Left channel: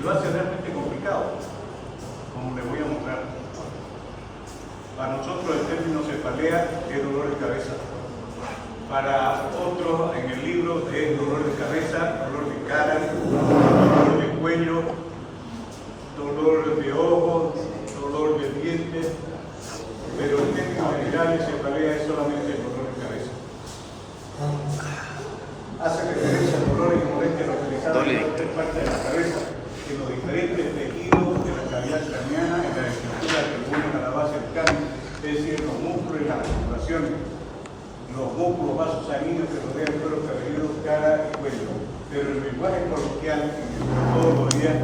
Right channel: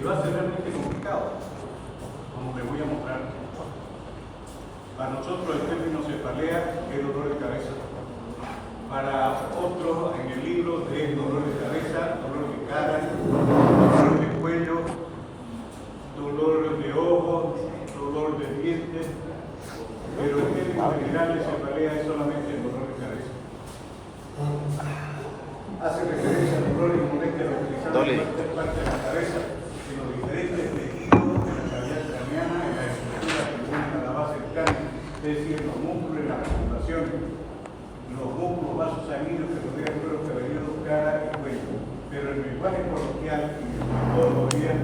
y lo hace realmente complicado, como les voy a mostrar. Para nosotros el término cefalea es dolor de cabeza. Para otros en el libro es dolor de cabeza, dolor de cara, dolor de cuello, dolor de ojos, dolor de dientes, pero el término general de cefalea es solamente el dolor de cabeza. Hace referencia al dolor y molestia localizada en cualquier parte de la cabeza, en los diferentes tejidos de la cavidad craneana, en la estructura que une a la base del cráneo, es decir, los músculos y las articulaciones, los músculos, vasos sanguíneos que rodean el cuero cabelludo, cara y cuello. Pero en el lenguaje coloquial, todos los días,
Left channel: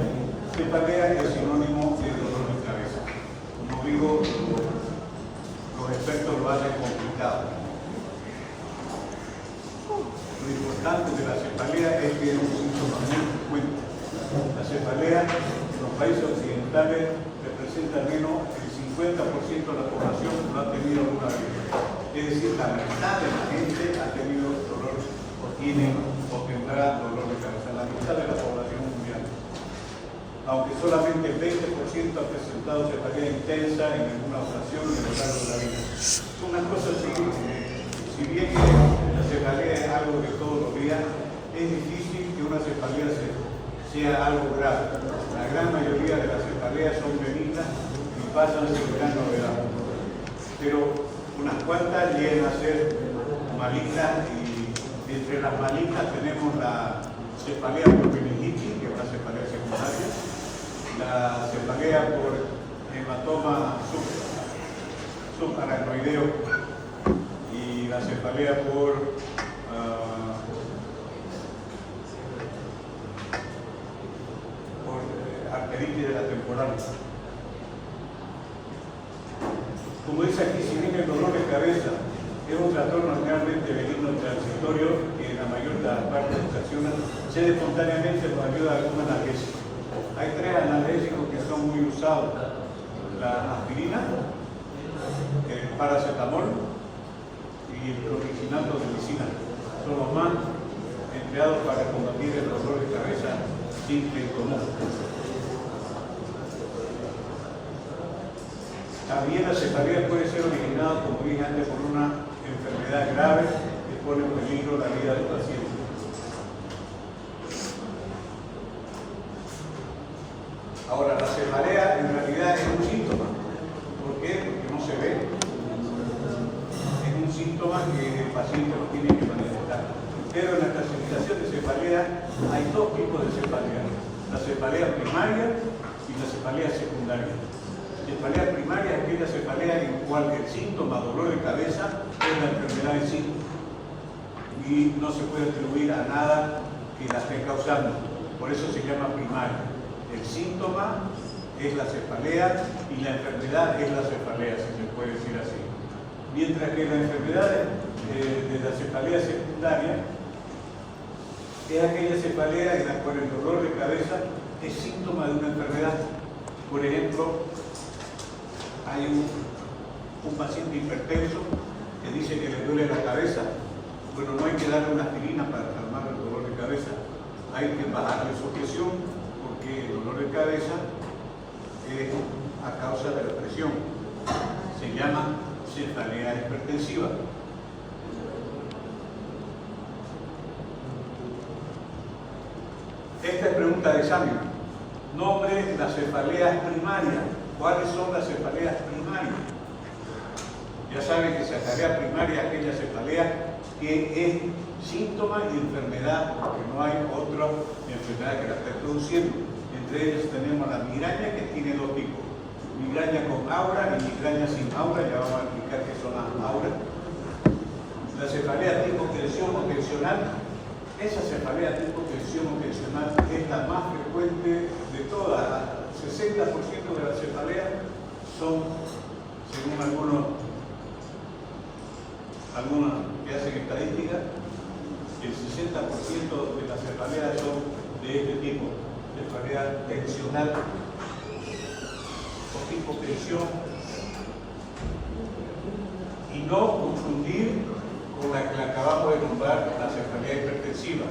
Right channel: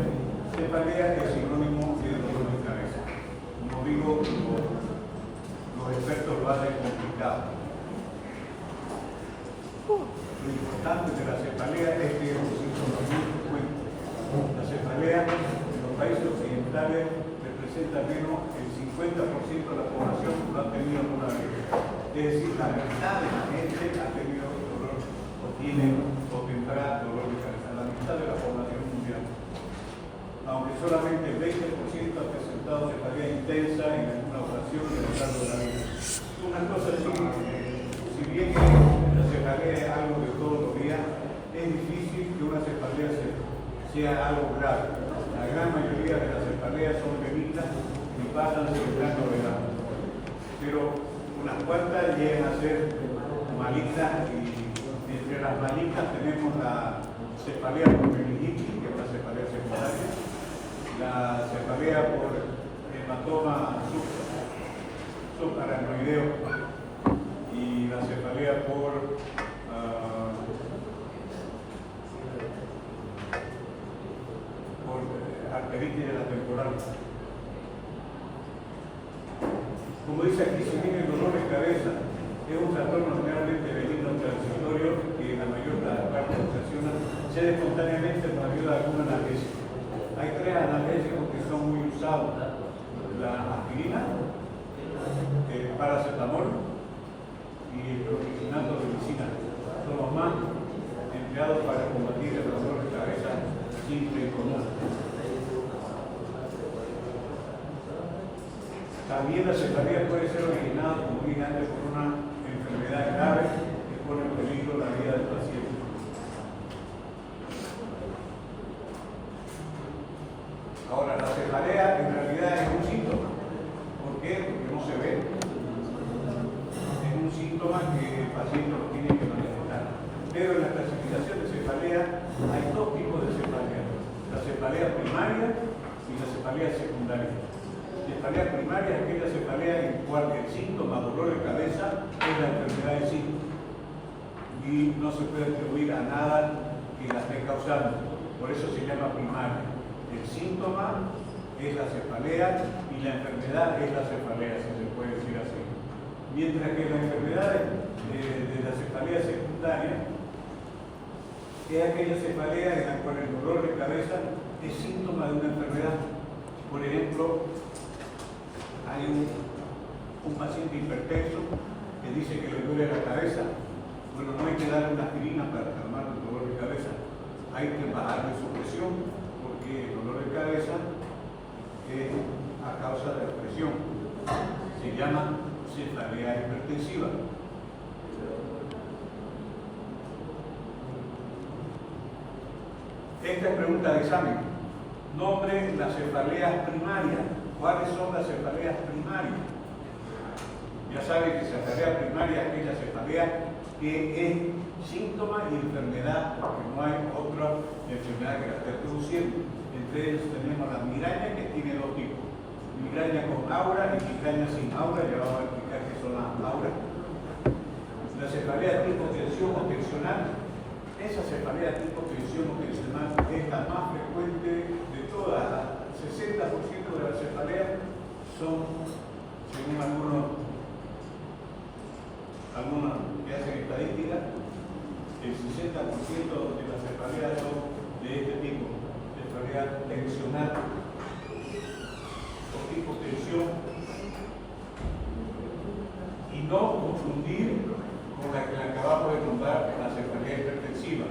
cefalea es sinónimo de dolor de cabeza. Como digo, los expertos lo hacen complicado. Lo importante de la cefalea es que es un funcionamiento cuenta. La cefalea en los países occidentales representa menos el 50% de la población lo ha tenido alguna vez. Es decir, la mitad de la gente ha tenido dolor o tiene o tendrá dolor de cabeza, la mitad de la población mundial. Aunque solamente el 20% ha presentado cefalea intensa en alguna ocasión a lo largo de la vida. Una cosa así, si bien la cefalea es algo de todos los días, es difícil que una cefalea sea algo grave. La gran mayoría de las cefaleas son benignas y pasan sin gran novedad. Pero unas cuantas llegan a ser malignas y entre las malignas tenemos la cefalea por meningitis, que es la cefalea secundaria, la cefalea por hematoma subaracnoideo y la cefalea por arteritis de la temporal. Como dice aquí, si bien el dolor de cabeza es un trastorno realmente benigno transitorio que en la mayor de las partes ocasiona, cede espontáneamente nos ayuda a algún analgésico. Hay tres analgésicos que son muy usados: la aspirina, el paracetamol y el clorofenaco de medicina. Son los más empleados para combatir el dolor de cabeza simple y común. También la cefalea puede ser originada, como dije antes, por una enfermedad grave que pone en peligro la vida del paciente. Ahora, la cefalea en realidad es un síntoma. ¿Por qué? Porque no se ve. Es un síntoma que el paciente no tiene que manifestar. Pero en la clasificación de cefalea hay dos tipos de cefalea: la cefalea primaria y la cefalea secundaria. La cefalea primaria es aquella cefalea en cual el síntoma dolor de cabeza es la enfermedad en sí y no se puede atribuir a nada que la esté causando. Por eso se llama primaria. El síntoma es la cefalea y la enfermedad es la cefalea, si se puede decir así. Mientras que la enfermedad de la cefalea secundaria es aquella cefalea en la cual el dolor de cabeza es síntoma de una enfermedad. Por ejemplo, hay un paciente hipertenso que dice que le duele la cabeza. Bueno, no hay que darle una aspirina para calmar el dolor de cabeza. Hay que bajarle su presión porque el dolor de cabeza es a causa de la presión. Se llama cefalea hipertensiva. Esta es pregunta de examen. Nombre de las cefaleas primarias. ¿Cuáles son las cefaleas primarias? Ya saben que cefalea primaria es aquella cefalea que es síntoma y enfermedad, porque no hay otra enfermedad que la esté produciendo. Entre ellas tenemos la migraña, que tiene dos tipos: migraña con aura y migraña sin aura. Ya vamos a explicar qué son las auras. La cefalea tipo tensión o tensional. Esa cefalea tipo tensión o tensional es la más frecuente de todas. 60% de las cefaleas son, según algunos que hacen estadística, el 60% de las cefaleas son de este tipo, cefalea tensional o tipo tensión, y no confundir con la que acabamos de nombrar, la cefalea hipertensiva.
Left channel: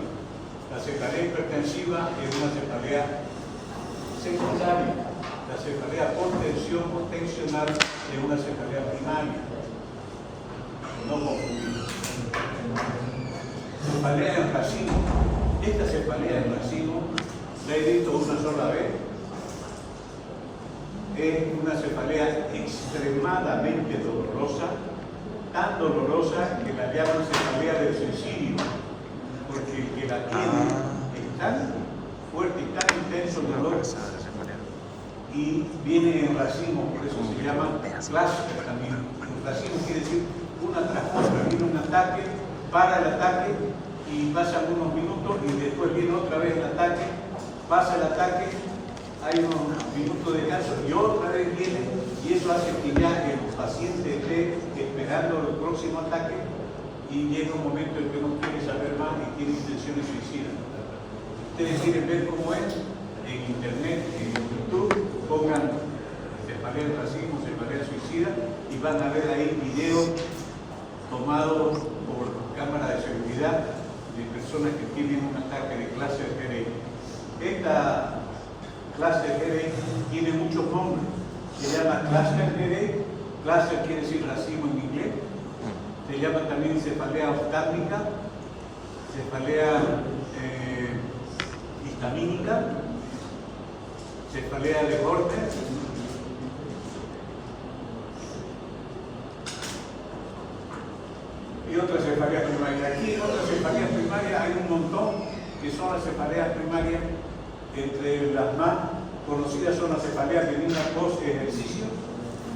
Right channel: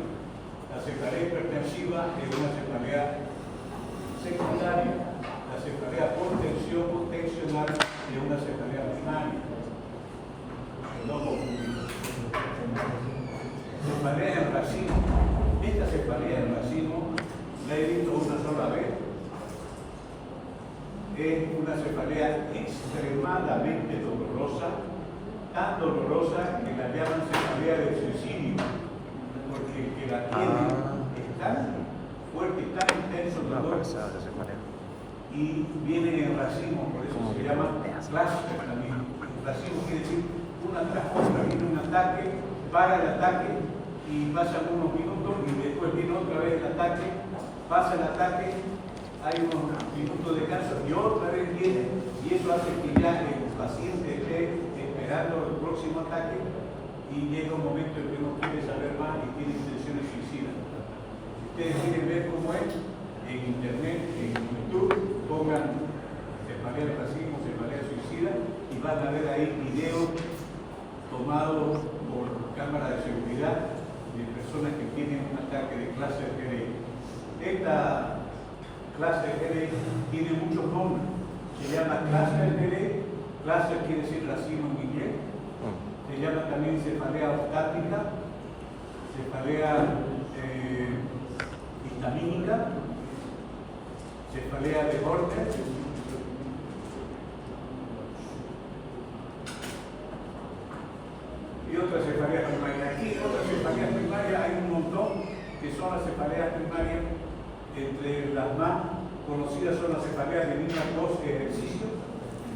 La cefalea hipertensiva es una cefalea secundaria. La cefalea por tensión tensional es una cefalea primaria. No confundir. Cefalea en racimo. Esta cefalea en racimo la he visto una sola vez. Es una cefalea extremadamente dolorosa, tan dolorosa que la llaman cefalea del suicidio, porque el que la tiene es tan fuerte y tan intenso el dolor, y viene en racimo, por eso se llama clásico también. Racimo quiere decir una tras otra, viene un ataque, para el ataque y pasan unos minutos y después viene otra vez el ataque, pasa el ataque, hay unos minutos de descanso y otra vez viene, y eso hace que ya el paciente esté esperando el próximo ataque y llega un momento en que uno quiere saber más y tiene intenciones suicidas. Ustedes quieren ver cómo es en internet, en YouTube, pongan cefalea en racimo, cefalea suicida y van a ver ahí videos tomados por cámara de seguridad de personas que tienen un ataque de cluster headache. Esta cluster headache tiene muchos nombres. Se llama cluster headache, cluster quiere decir racimo en inglés. Se llama también cefalea ostática, cefalea histamínica, cefalea de corte. Y otras cefaleas primarias. Aquí en otras cefaleas primarias hay un montón que son las cefaleas primarias. Entre las más conocidas son las cefaleas de niña post ejercicio,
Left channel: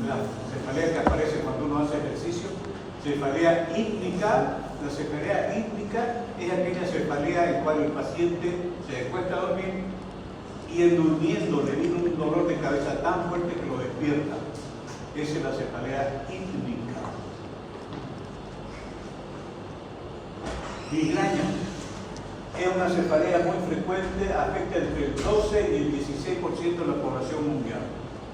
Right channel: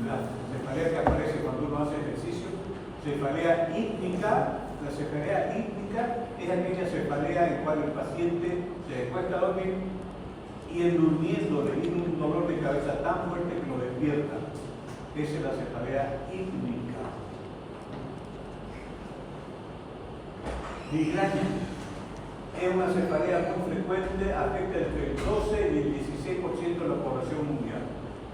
la cefalea que aparece cuando uno hace ejercicio, cefalea ítmica. La cefalea ítmica es aquella cefalea en la cual el paciente se acuesta a dormir y en durmiendo le viene un dolor de cabeza tan fuerte que lo despierta. Esa es la cefalea ítmica. Migraña es una cefalea muy frecuente, afecta entre el 12 y el 16% de la población mundial.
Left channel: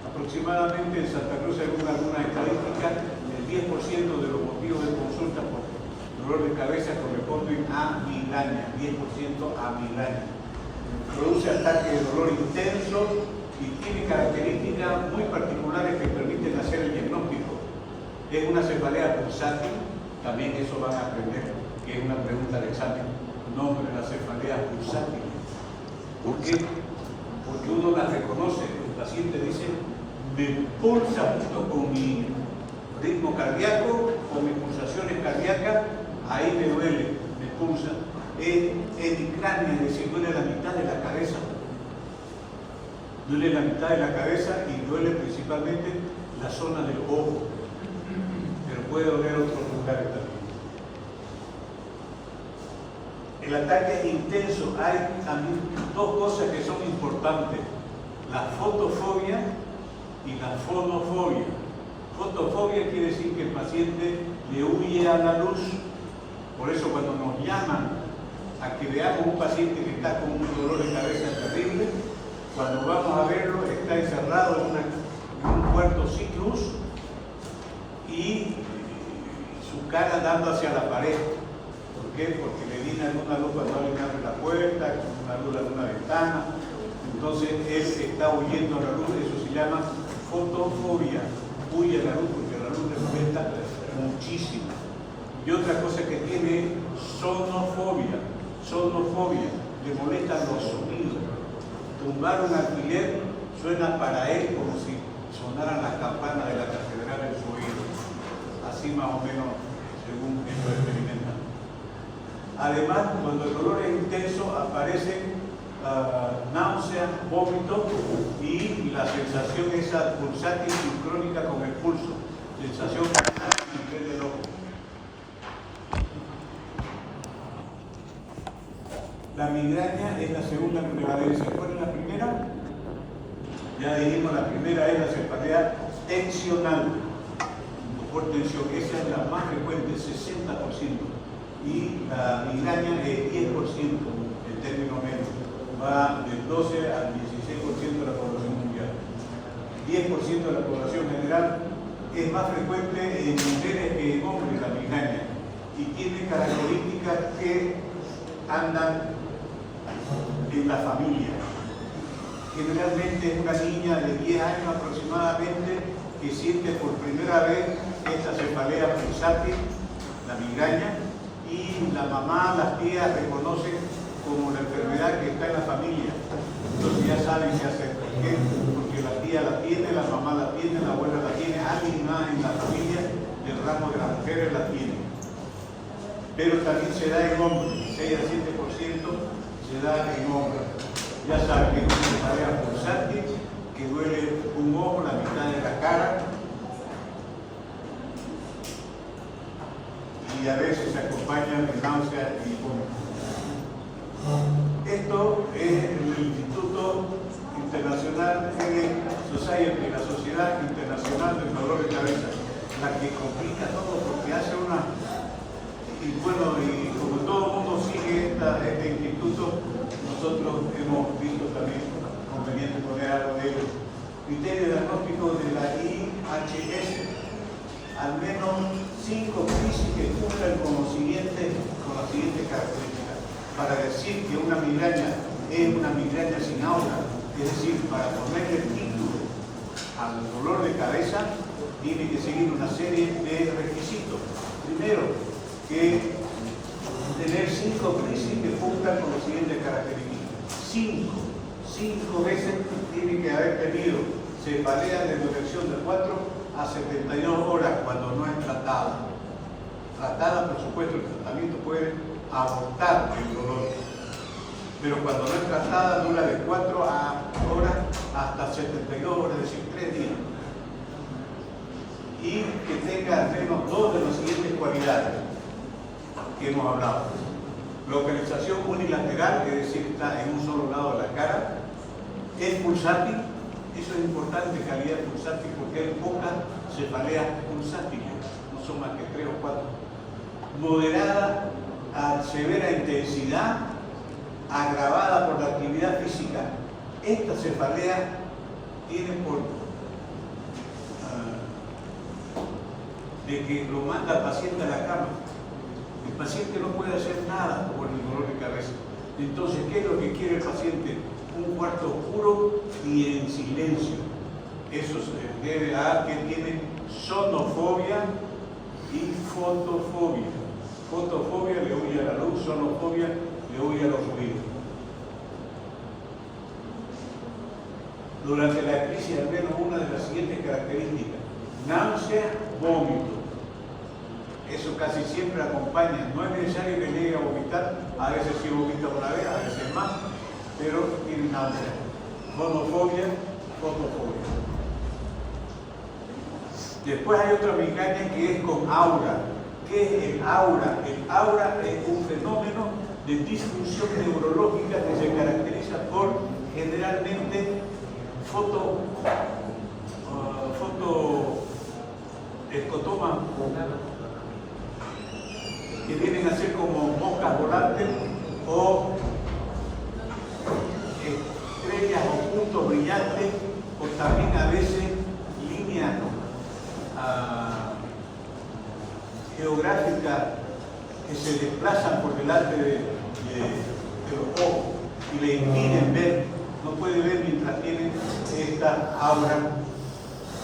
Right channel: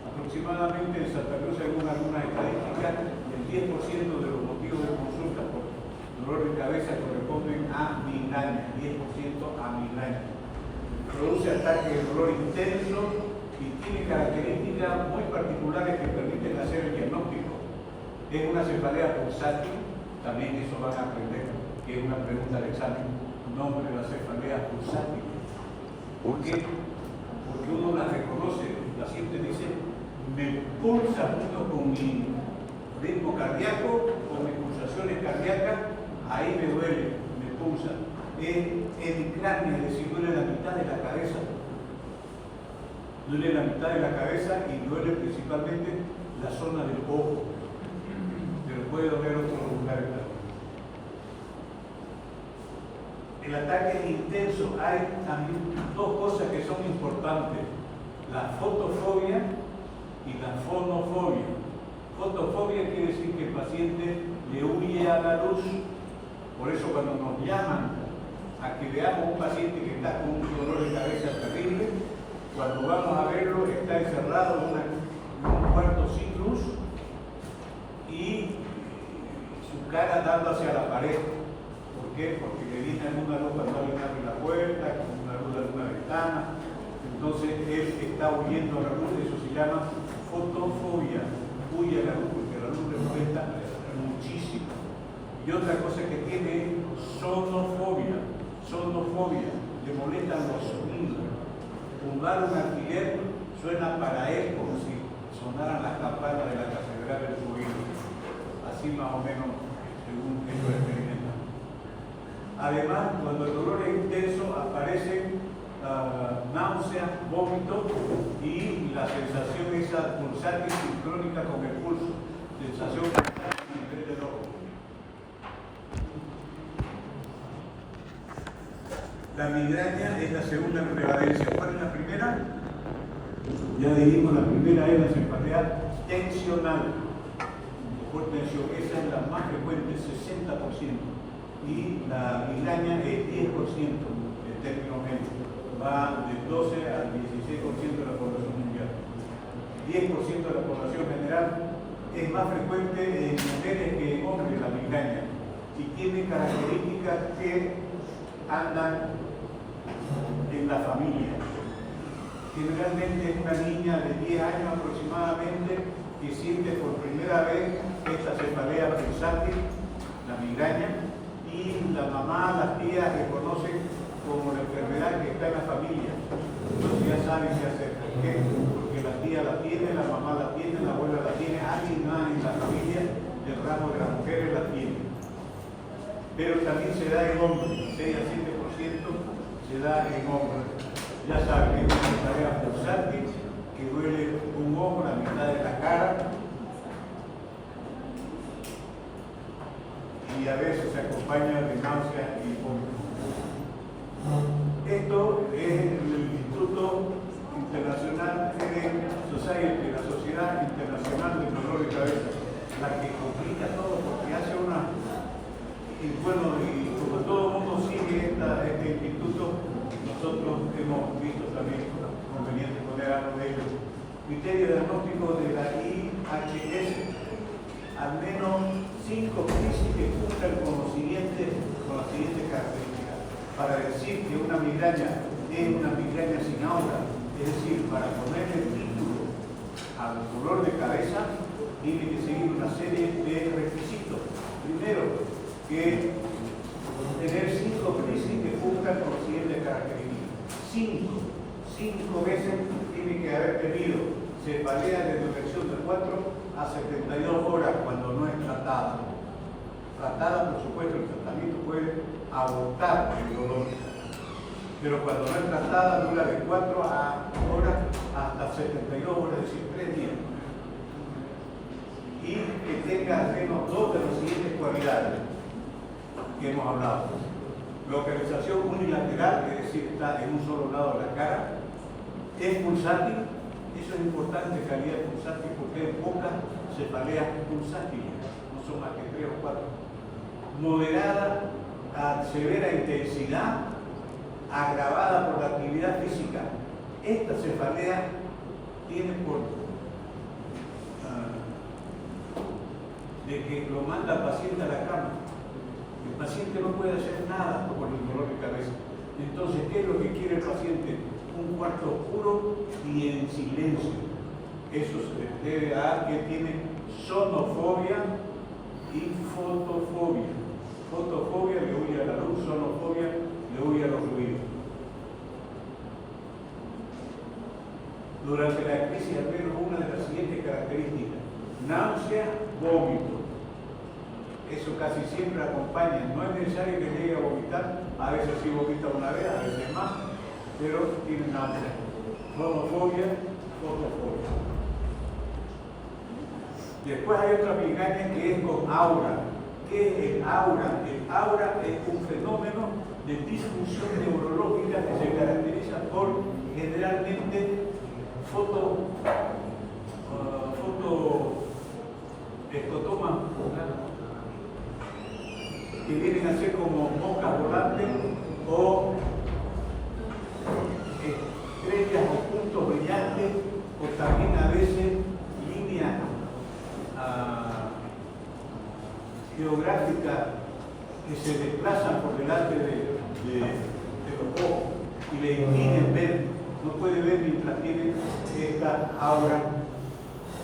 Aproximadamente en Santa Cruz, según algunas estadísticas, el 10% de los motivos de consulta por dolor de cabeza corresponden a migraña, 10% a migraña. Produce ataques de dolor intenso y tiene características muy particulares que permiten hacer el diagnóstico. Es una cefalea pulsátil, también eso van a aprender, que es una pregunta del examen. Nombre de la cefalea pulsátil. ¿Por qué? Porque uno la reconoce, el paciente dice, me pulsa justo con mi ritmo cardíaco, con mis pulsaciones cardíacas, ahí me duele, me pulsa. Es hemicrania, es decir, duele la mitad de la cabeza. Duele la mitad de la cabeza y duele principalmente la zona del ojo, pero puede doler otros lugares también. El ataque es intenso. Hay también dos cosas que son importantes: la fotofobia y la fonofobia. Fotofobia quiere decir que el paciente le huye a la luz. Por eso cuando nos llaman a que veamos un paciente que está con un dolor de cabeza terrible, cuando vamos a verlo está encerrado en un cuarto sin luz y su cara dando hacia la pared. ¿Por qué? Porque le viene alguna luz cuando alguien abre la puerta, una luz de alguna ventana. Entonces él está huyendo a la luz, eso se llama fotofobia. Huye a la luz porque la luz le molesta muchísimo. Y otra cosa que tiene es sonofobia. Sonofobia, le molestan los sonidos. Tumbar un alfiler suena para él como si sonaran las campanas de la catedral en su oído. Así más o menos, según esto experimenta. Además, cuando el dolor es intenso, aparece náusea, vómito y la sensación esa pulsátil sincrónica con el pulso. Sensación en el frente del ojo. La migraña es la segunda prevalencia. ¿Cuál es la primera? Ya dijimos, la primera es la cefalea tensional. Por tensión, esa es la más frecuente, 60%. Y la migraña es 10% en términos medios. Va del 12 al 16% de la población mundial. 10% de la población general es más frecuente en mujeres que en hombres la migraña. Y tiene características que andan en la familia. generalmente es una niña de 10 años aproximadamente que siente por primera vez esta cefalea pulsátil, la migraña, y la mamá, las tías reconocen como la enfermedad que está en la familia. Entonces ya saben qué hacer. ¿Por qué? Porque la tía la tiene, la mamá la tiene, la abuela la tiene, alguien más en la familia del ramo de las mujeres la tiene. Pero también se da en hombres, 6 a 7% se da en hombres. Ya saben que es una cefalea pulsátil, que duele un ojo, la mitad de la cara, y a veces se acompaña de náusea y vómito. Esto es el Instituto Internacional Society, la Sociedad Internacional del Dolor de Cabeza, la que complica todo porque hace una... Y bueno, y como todo el mundo sigue este instituto, nosotros hemos visto también conveniente poner algo de ellos. Criterio diagnóstico de la IHS, al menos 5 crisis que cumplan con las siguientes características. Para decir que una migraña es una migraña sin aura, es decir, para ponerle título al dolor de cabeza, tiene que seguir una serie de requisitos. Primero, que tener 5 crisis que cumplan con las siguientes características. 5 veces tiene que haber tenido cefalea de duración de 4 a 72 horas cuando no es tratada. Tratada, por supuesto, el tratamiento puede abortar el dolor, pero cuando no es tratada dura de 4 horas hasta 72 horas, es decir, 3 días. Y que tenga al menos 2 de las siguientes cualidades que hemos hablado. Localización unilateral, es decir, está en un solo lado de la cara. Es pulsátil, eso es importante, calidad pulsátil, porque hay pocas cefaleas pulsátiles, no son más que 3 o 4. Moderada a severa intensidad, agravada por la actividad física. Esta cefalea tiene por de que lo manda al paciente a la cama. El paciente no puede hacer nada por el dolor de cabeza. Entonces, ¿qué es lo que quiere el paciente? Un cuarto oscuro y en silencio. Eso se debe a que tiene sonofobia y fotofobia. Fotofobia le huye a la luz, sonofobia le huye a los ruidos. Durante la crisis, al menos una de las siguientes características: náusea, vómito. Eso casi siempre acompaña. No es necesario que llegue a vomitar, a veces sí vomita una vez, a veces más, pero tiene náusea. Fonofobia, fotofobia. Después hay otra migraña que es con aura. ¿Qué es el aura? El aura es un fenómeno de disfunción neurológica que se caracteriza por generalmente escotomas que vienen a ser como moscas volantes o estrellas o puntos brillantes, o también a veces líneas geográficas que se desplazan por delante de los ojos y le impiden ver, no puede ver mientras tiene esta aura.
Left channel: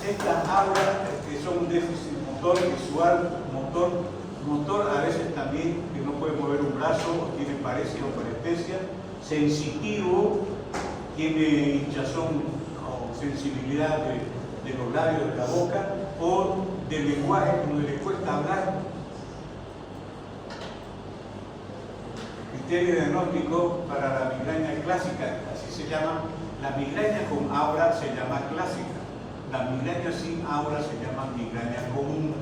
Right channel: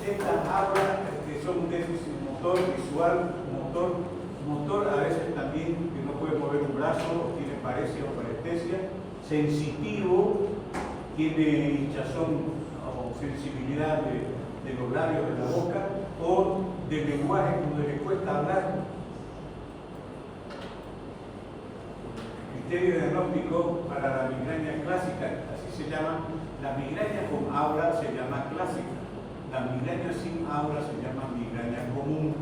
Estas auras que son déficit motor, visual, motor a veces también que no puede mover un brazo, tiene paresia o parestesia, sensitivo, tiene hinchazón o sensibilidad de los labios de la boca, o de lenguaje cuando le cuesta hablar. Criterio diagnóstico para la migraña clásica, así se llama. La migraña con aura se llama clásica, la migraña sin aura se llama migraña común.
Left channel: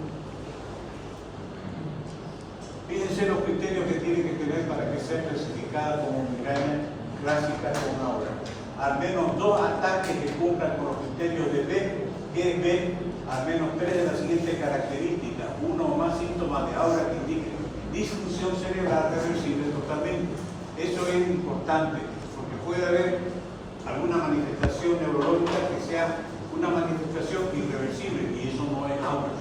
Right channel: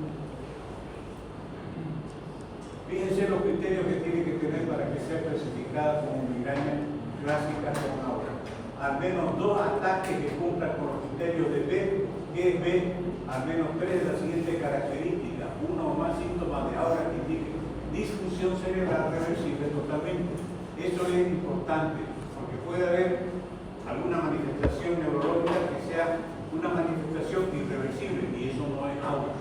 Fíjense los criterios que tiene que tener para que sea clasificada como migraña clásica con aura. Al menos 2 ataques que cumplan con los criterios de B, que es B, al menos 3 de las siguientes características, 1 o más síntomas de aura que indiquen disfunción cerebral reversible totalmente. Eso es importante, porque puede haber alguna manifestación neurológica que sea una manifestación irreversible, y eso no es aura.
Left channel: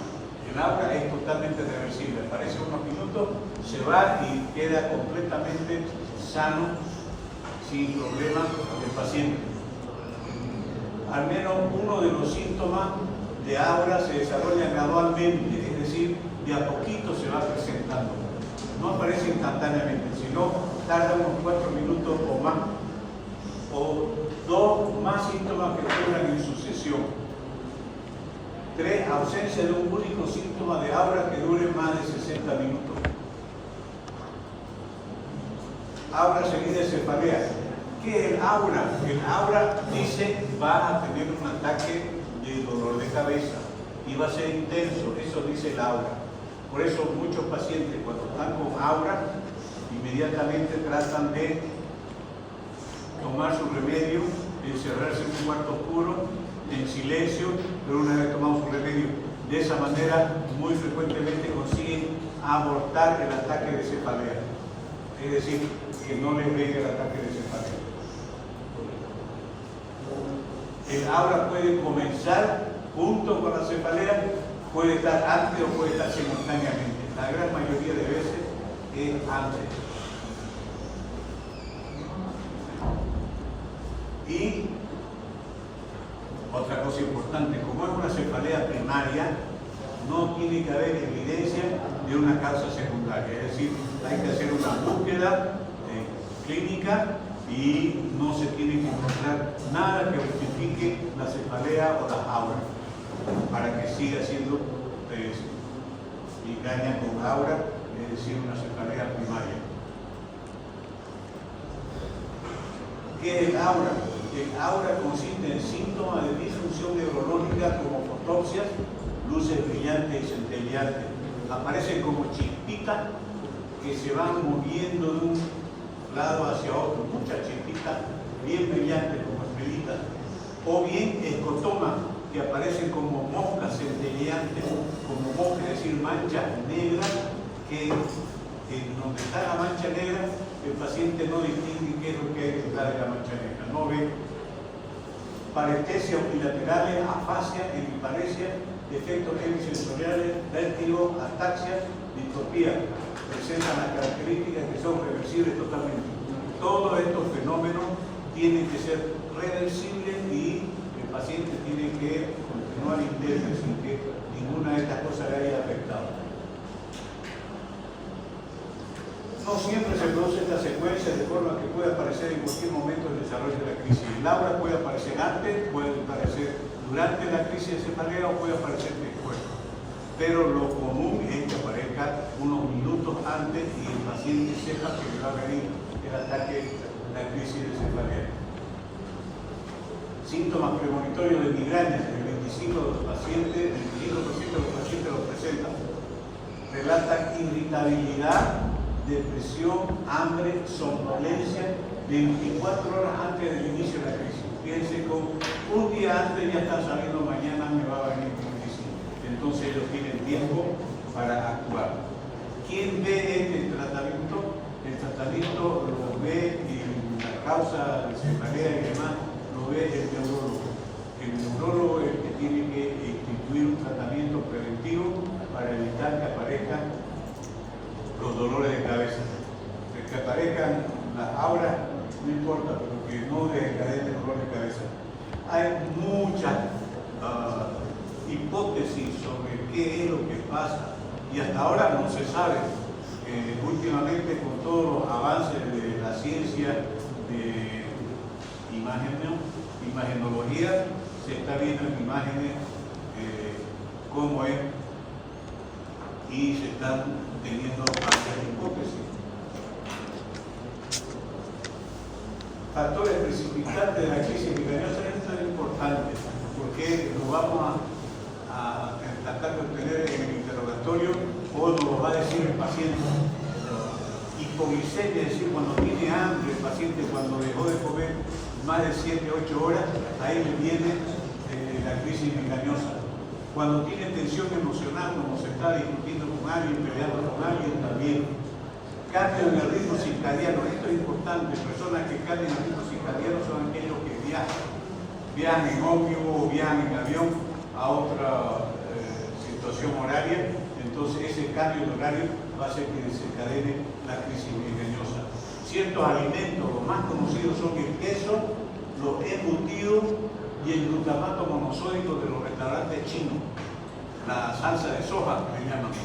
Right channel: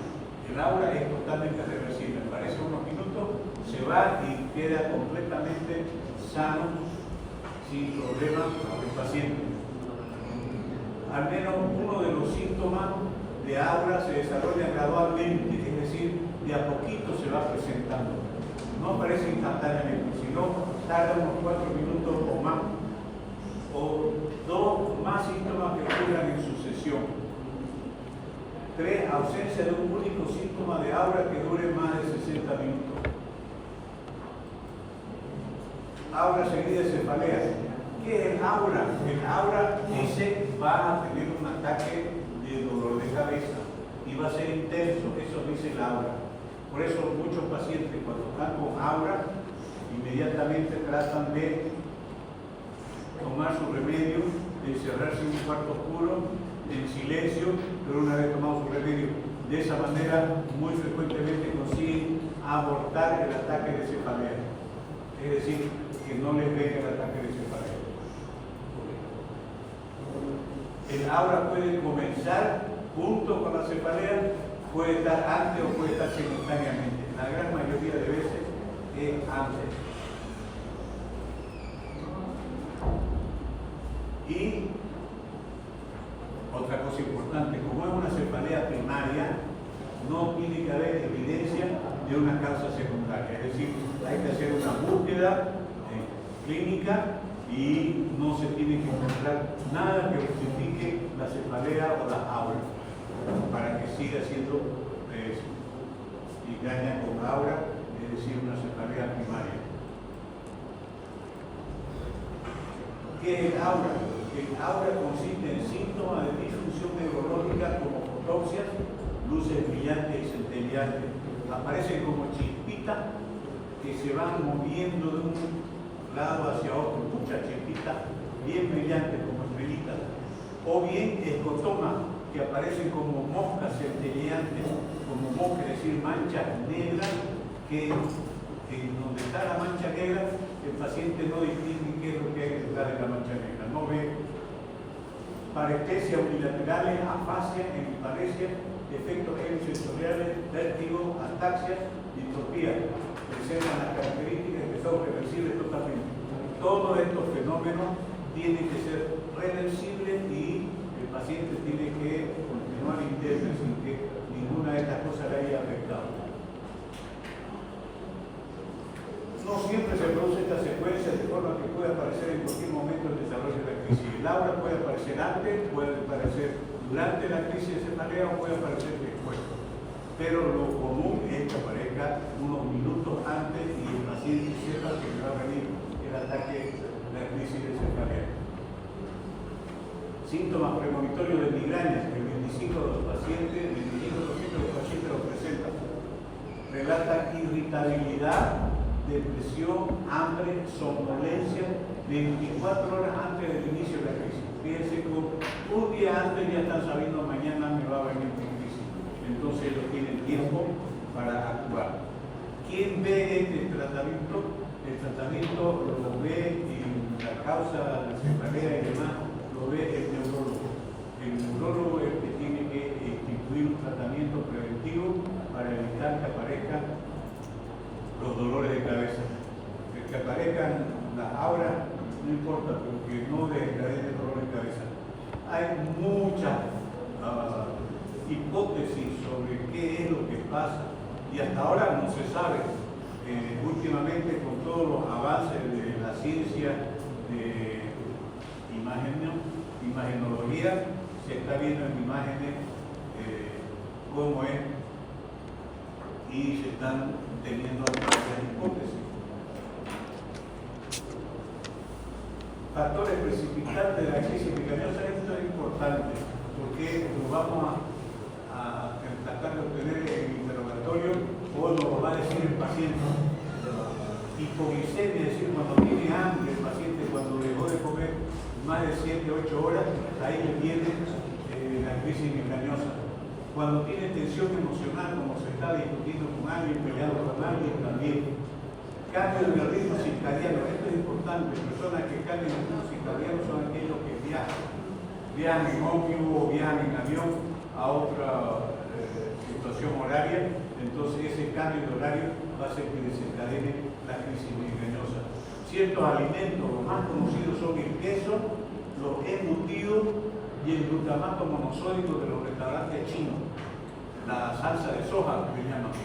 El aura es totalmente reversible, aparece unos minutos, se va y queda completamente sano, sin problema el paciente. al menos uno de los síntomas de aura se desarrolla gradualmente, es decir, de a poquito se va presentando. No aparece instantáneamente, sino tarda unos 4 minutos o más, o 2 más síntomas que ocurran en sucesión. 3, ausencia de un único síntoma de aura que dure más de 60 minutos. Aura seguida de cefalea. ¿Qué es el aura? El aura dice va a tener un ataque de dolor de cabeza y va a ser intenso, eso dice el aura. Por eso muchos pacientes cuando están con aura inmediatamente tratan de tomar su remedio, encerrarse en un cuarto oscuro, en silencio, pero una vez tomado su remedio, de esa manera muy frecuentemente consiguen abortar el ataque de cefalea. Es decir, que no les venga el ataque de cefalea. El aura puede comenzar junto con la cefalea, puede estar antes o puede estar simultáneamente. La gran mayoría de veces es antes. Y otra cosa importante, como es una cefalea primaria, no tiene que haber evidencia de una causa secundaria. Es decir, hay que hacer una búsqueda clínica y no se tiene que encontrar nada que justifique la cefalea o la aura para que siga siendo migraña con aura, es decir, una cefalea primaria. ¿Qué es el aura? El aura consiste en síntomas de disfunción neurológica como fotopsias, luces brillantes y centelleantes. Aparecen como chispitas que se van moviendo de un lado hacia otro, muchas chispitas bien brillantes como estrellitas, o bien escotomas que aparecen como moscas centelleantes, como moscas, es decir, manchas negras que donde está la mancha negra el paciente no distingue qué es lo que hay detrás de la mancha negra, no ve. Parestesia unilaterales, afasia, hemiparesia, defectos hemisensoriales, vértigo, ataxia, distrofia. Presentan las características que son reversibles totalmente. Todos estos fenómenos tienen que ser reversibles y el paciente tiene que continuar interno sin que ninguna de estas cosas le haya afectado. No siempre se produce esta secuencia de forma que puede aparecer en cualquier momento del desarrollo de la crisis. El aura puede aparecer antes, puede aparecer durante la crisis de cefalea o puede aparecer después. Pero lo común es que aparezca unos minutos antes y el paciente sepa que le va a venir el ataque de la crisis de cefalea. Síntomas premonitorios de migraña. El 25% de los pacientes lo presentan. Relatan irritabilidad, depresión, hambre, somnolencia 24 horas antes del inicio de la crisis. Fíjense, con un día antes ya están saliendo, mañana me va a venir la crisis. Entonces ellos tienen tiempo para actuar. ¿Quién ve este tratamiento? El tratamiento lo ve y la causa de cefalea y demás lo ve el neurólogo. El neurólogo es el que tiene que instituir un tratamiento preventivo para evitar que aparezcan los dolores de cabeza. Que aparezcan las auras, no importa, pero que no desencadenen dolor de cabeza. Hay muchas hipótesis sobre qué es lo que pasa y hasta ahora no se sabe. Últimamente, con todos los avances de la ciencia de imagenología, se está viendo en imágenes cómo es y se están teniendo varias hipótesis. Factores precipitantes de la crisis migrañosa. Esto es importante porque nos vamos a tratar de obtener en el interrogatorio o nos lo va a decir el paciente. Hipoglicemia, es decir, cuando tiene hambre el paciente, cuando dejó de comer más de 7 u 8 horas, ahí le viene la crisis migrañosa. Cuando tiene tensión emocional, como se está discutiendo con alguien, peleando con alguien, también. Cambio en el ritmo circadiano, esto es importante. Personas que cambian el ritmo circadiano son aquellos que viajan en ómnibus o viajan en avión a otra situación horaria. Entonces ese cambio de horario va a hacer que desencadene la crisis migrañosa. Ciertos alimentos, los más conocidos son el queso, los embutidos y y el glutamato monosódico de los restaurantes chinos, la salsa de soja que llaman,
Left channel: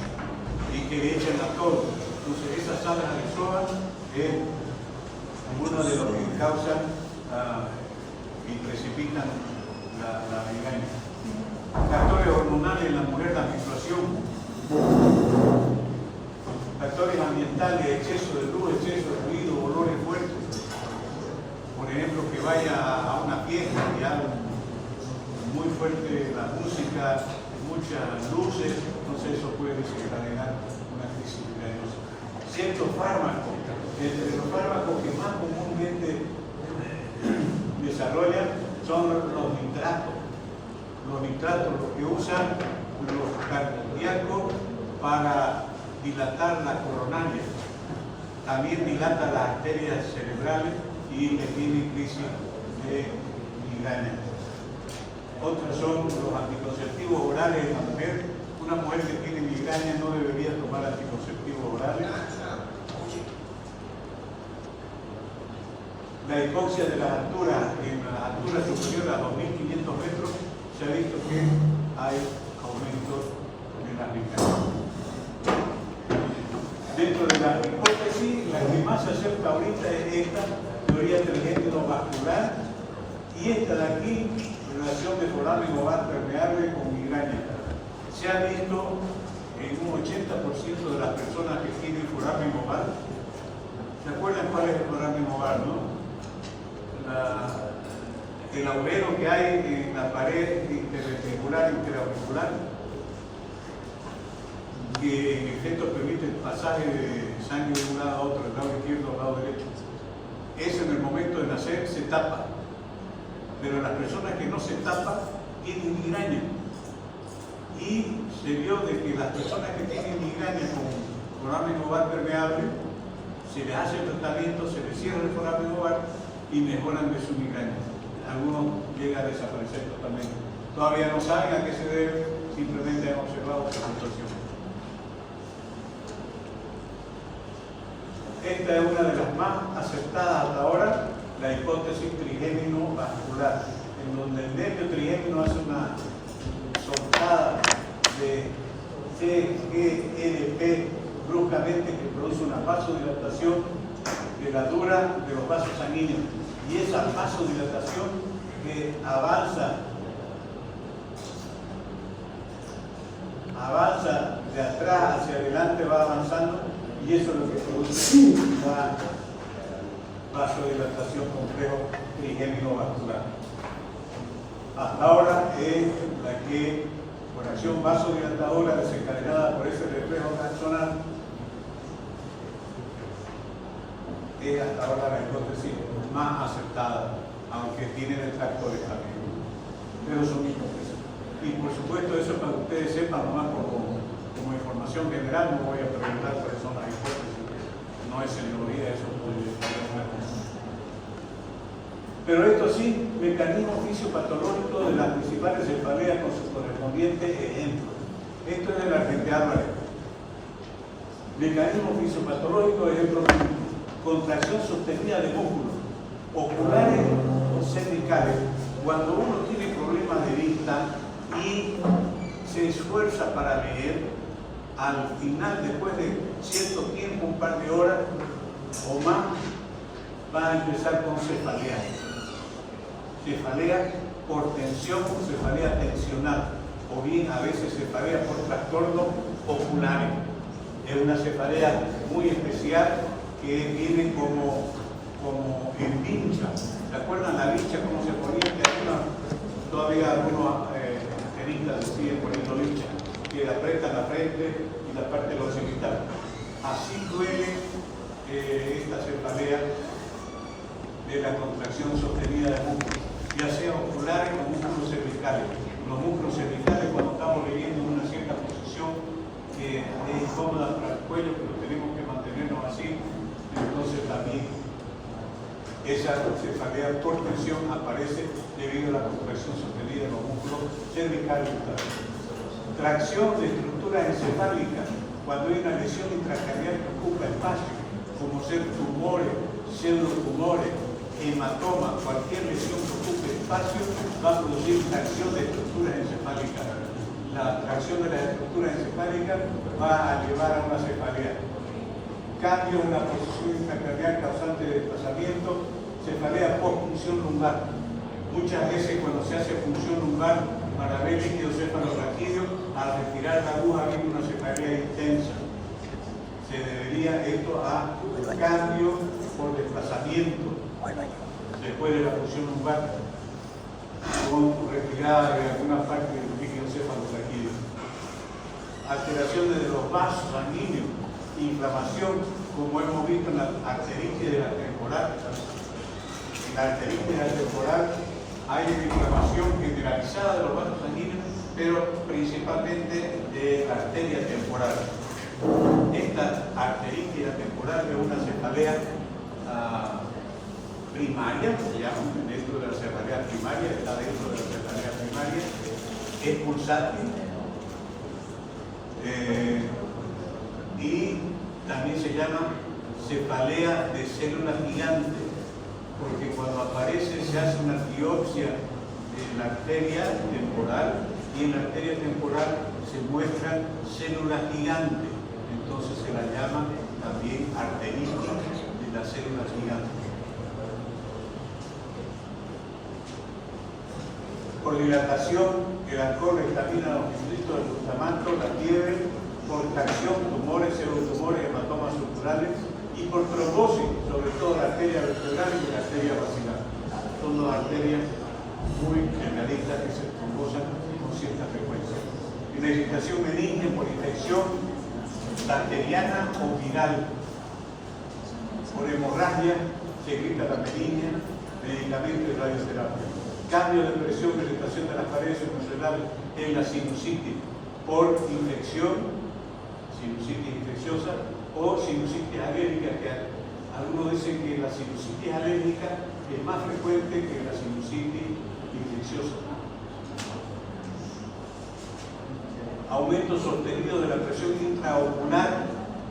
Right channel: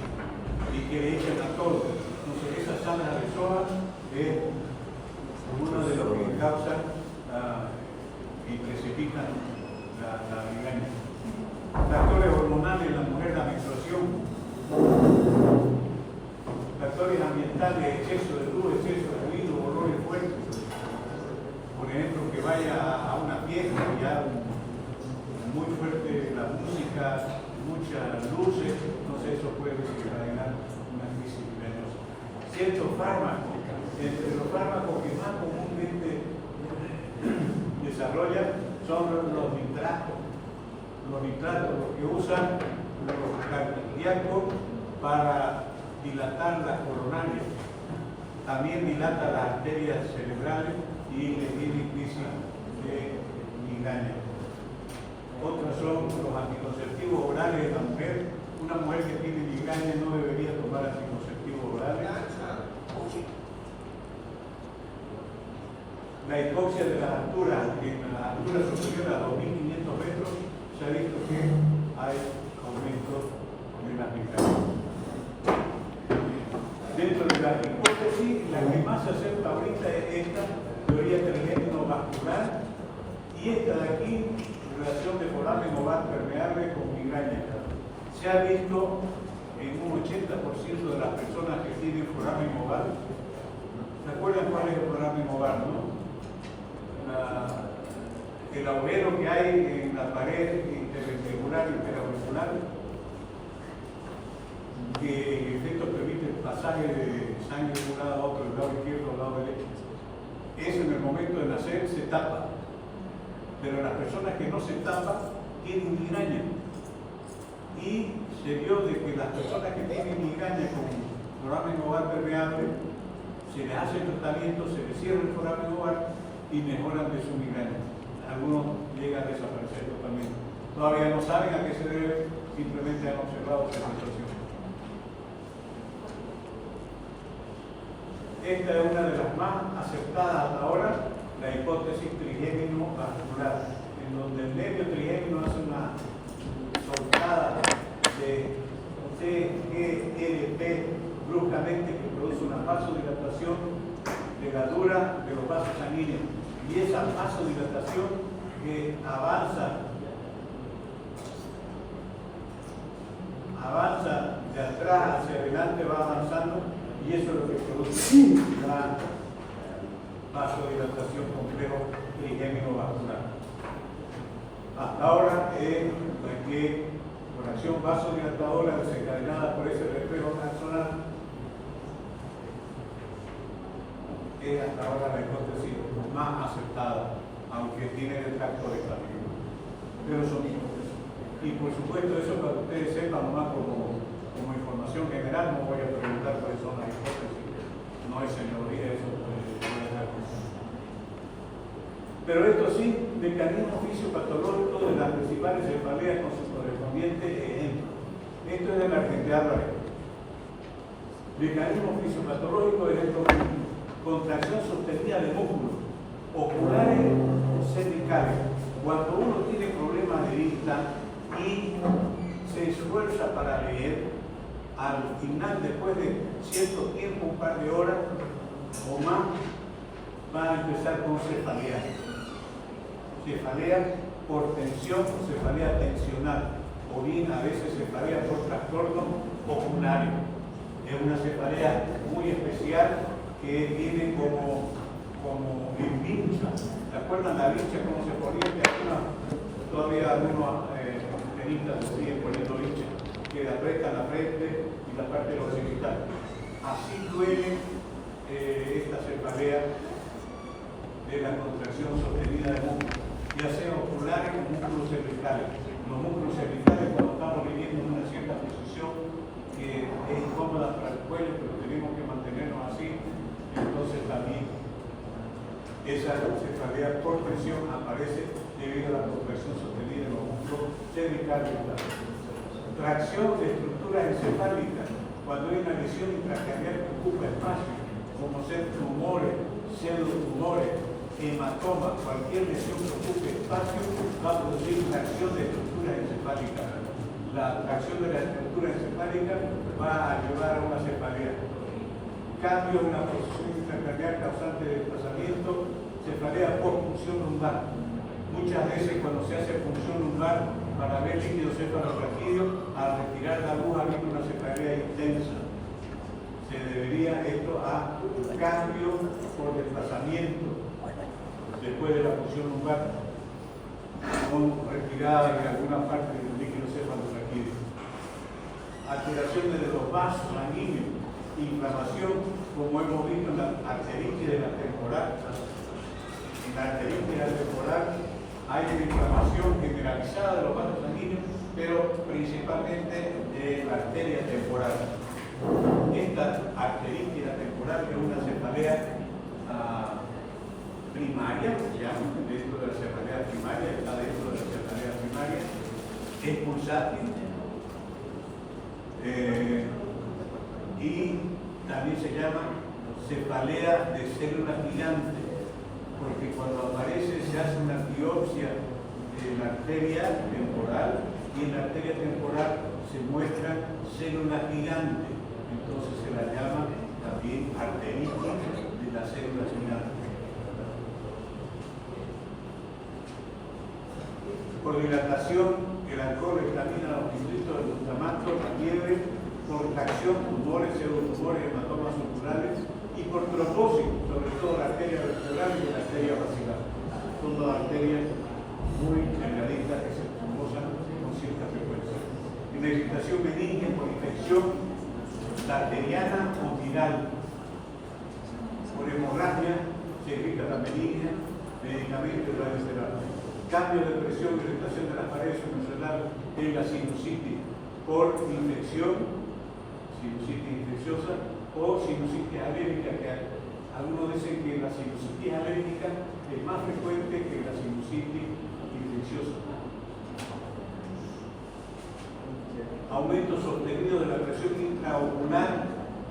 y que le echan a todo. Entonces esa salsa de soja es uno de los que causan y precipitan la migraña. Factores hormonales en la mujer, la menstruación, factores ambientales, exceso de luz, exceso de ruido, olores fuertes. Por ejemplo, que vaya a una fiesta y haga muy fuerte la música, muchas luces, entonces eso puede desencadenar una crisis migrañosa. Ciertos fármacos, entre los fármacos que más comúnmente desarrollan son los nitratos. Los nitratos, los que usan los cardíacos para dilatar las coronarias. También dilata las arterias cerebrales y le tiene crisis de migraña. Otros son los anticonceptivos orales en la mujer. Una mujer que tiene migraña no debería tomar anticonceptivos orales. La hipoxia de las alturas, en las alturas superiores a 2.500 metros, se ha visto que hay aumento de la migraña. Dentro de la hipótesis, la que más se acerca ahorita es esta teoría trigémino vascular y esta de aquí, relación de foramen ovar permeable con migraña. Se ha visto en un 80% de las personas que tienen foramen ovar. ¿Se acuerdan cuál es el foramen ovar, no? El agujero que hay en la pared interventricular y interauricular, que en efecto permite el pasaje de sangre de un lado a otro, del lado izquierdo al lado derecho. Eso en el momento de nacer se tapa, pero las personas que no se tapan tienen migraña. Y se vio de que las personas que tienen migraña con foramen ovar permeable, se les hace el tratamiento, se les cierra el foramen ovar y mejoran de su migraña. Algunos llegan a desaparecer totalmente. Todavía no saben a qué se debe, simplemente han observado esa situación. Esta es una de las más aceptadas hasta ahora, la hipótesis trigémino vascular, en donde el nervio trigémino hace una soltada de TGRP bruscamente que produce una vasodilatación de la dura de los vasos sanguíneos. Y esa vasodilatación que avanza de atrás hacia adelante, va avanzando, y eso es lo que produce la vasodilatación complejo trigémino vascular. Hasta ahora es la que, por acción vasodilatadora desencadenada por ese reflejo axonal, es hasta ahora la hipótesis más aceptada, aunque tiene detractores también. Pero son hipótesis. Y por supuesto, eso para que ustedes sepan, nomás como información general, no voy a preguntar cuáles son las hipótesis. No es señoría, eso puede ser una cosa. Pero esto sí, mecanismo fisiopatológico de las principales cefaleas con su correspondiente ejemplo. Esto es de la gente Álvarez. Mecanismo fisiopatológico, ejemplo, contracción sostenida de músculos oculares o cervicales. Cuando uno tiene problemas de vista y se esfuerza para leer, al final, después de cierto tiempo, un par de horas o más, va a empezar con cefalea. Cefalea por tensión o cefalea tensional, o bien a veces cefalea por trastorno oculares. Es una cefalea muy especial que viene como en vincha. ¿Se acuerdan la vincha cómo se ponía? Que todavía algunos tenistas lo siguen poniendo vincha, que apretan la frente y la parte de los genitales. Así duele esta cefalea de la contracción sostenida de músculos, ya sea oculares o músculos cervicales. Los músculos cervicales, cuando estamos leyendo en una cierta posición que es incómoda para el cuello, pero tenemos que mantenernos así, entonces también esa cefalea por tensión aparece debido a la contracción sostenida en los músculos cervicales. Tracción de estructuras encefálicas, cuando hay una lesión intracraneal que ocupa espacio, como ser tumores, pseudotumores, hematomas, cualquier lesión que ocupe espacio espacio va a producir tracción de estructuras encefálicas. La tracción de las estructuras encefálicas va a llevar a una cefalea. Cambios en la posición intracraneal causante de desplazamiento, cefalea post-punción lumbar. Muchas veces cuando se hace punción lumbar para ver líquido cefalorraquídeo, al retirar la aguja viene una cefalea intensa. Se debería esto a cambios por desplazamiento después de la punción lumbar, con retirada de alguna parte del líquido cefalorraquídeo. Alteraciones de los vasos sanguíneos, inflamación, como hemos visto en la arteritis de la temporal. En la arteritis de la temporal hay una inflamación generalizada de los vasos sanguíneos, pero principalmente de la arteria temporal. Esta arteritis temporal es una cefalea primaria, se llama, dentro de la cefalea primaria, está dentro de la cefalea primaria, es pulsátil y también se llama cefalea de células gigantes, porque cuando aparece se hace una biopsia en la arteria temporal y en la arteria temporal se muestran células gigantes, entonces se la llama también arteritis de las células gigantes. Por dilatación, el alcohol examina los fibritos del glutamato, la fiebre, por tracción, tumores, pseudotumores, hematomas circulares y por trombosis, sobre todo la arteria vertebral y la arteria basilar. Son dos arterias muy generalistas que se trombosan con cierta frecuencia. Y la irritación benigna por infección bacteriana o viral. Por hemorragia, se irrita la meningia, medicamento y radioterapia. Cambio de presión, irritación de las paredes submusculares en la sinusitis por infección, sinusitis infecciosa o sinusitis alérgica, que algunos dicen que la sinusitis alérgica es más frecuente que la sinusitis infecciosa. Aumento sostenido de la presión intraocular,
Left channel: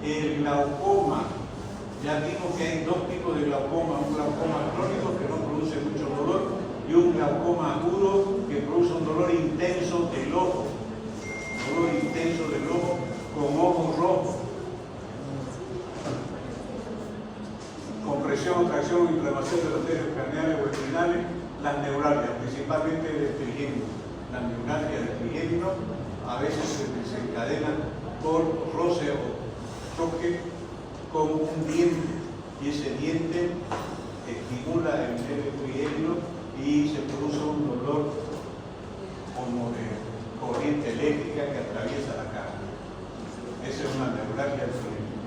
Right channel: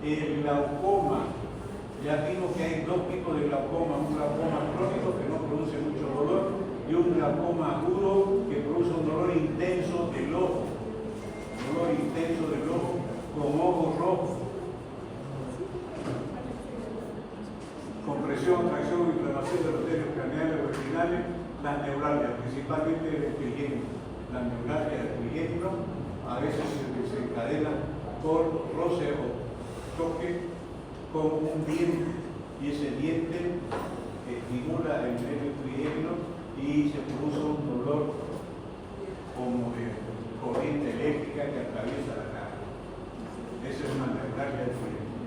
el glaucoma. Ya vimos que hay dos tipos de glaucoma, un glaucoma crónico que no produce mucho dolor y un glaucoma agudo que produce un dolor intenso del ojo, con ojos rojos, compresión, tracción y inflamación de los nervios craneales o espinales, las neuralgias, principalmente del trigémino. Las neuralgias del trigémino a veces se desencadenan por roce o choque con un diente, y ese diente estimula el nervio trigémino y se produce un dolor como de corriente eléctrica que atraviesa la cara. Esa es una neuralgia del trigémino.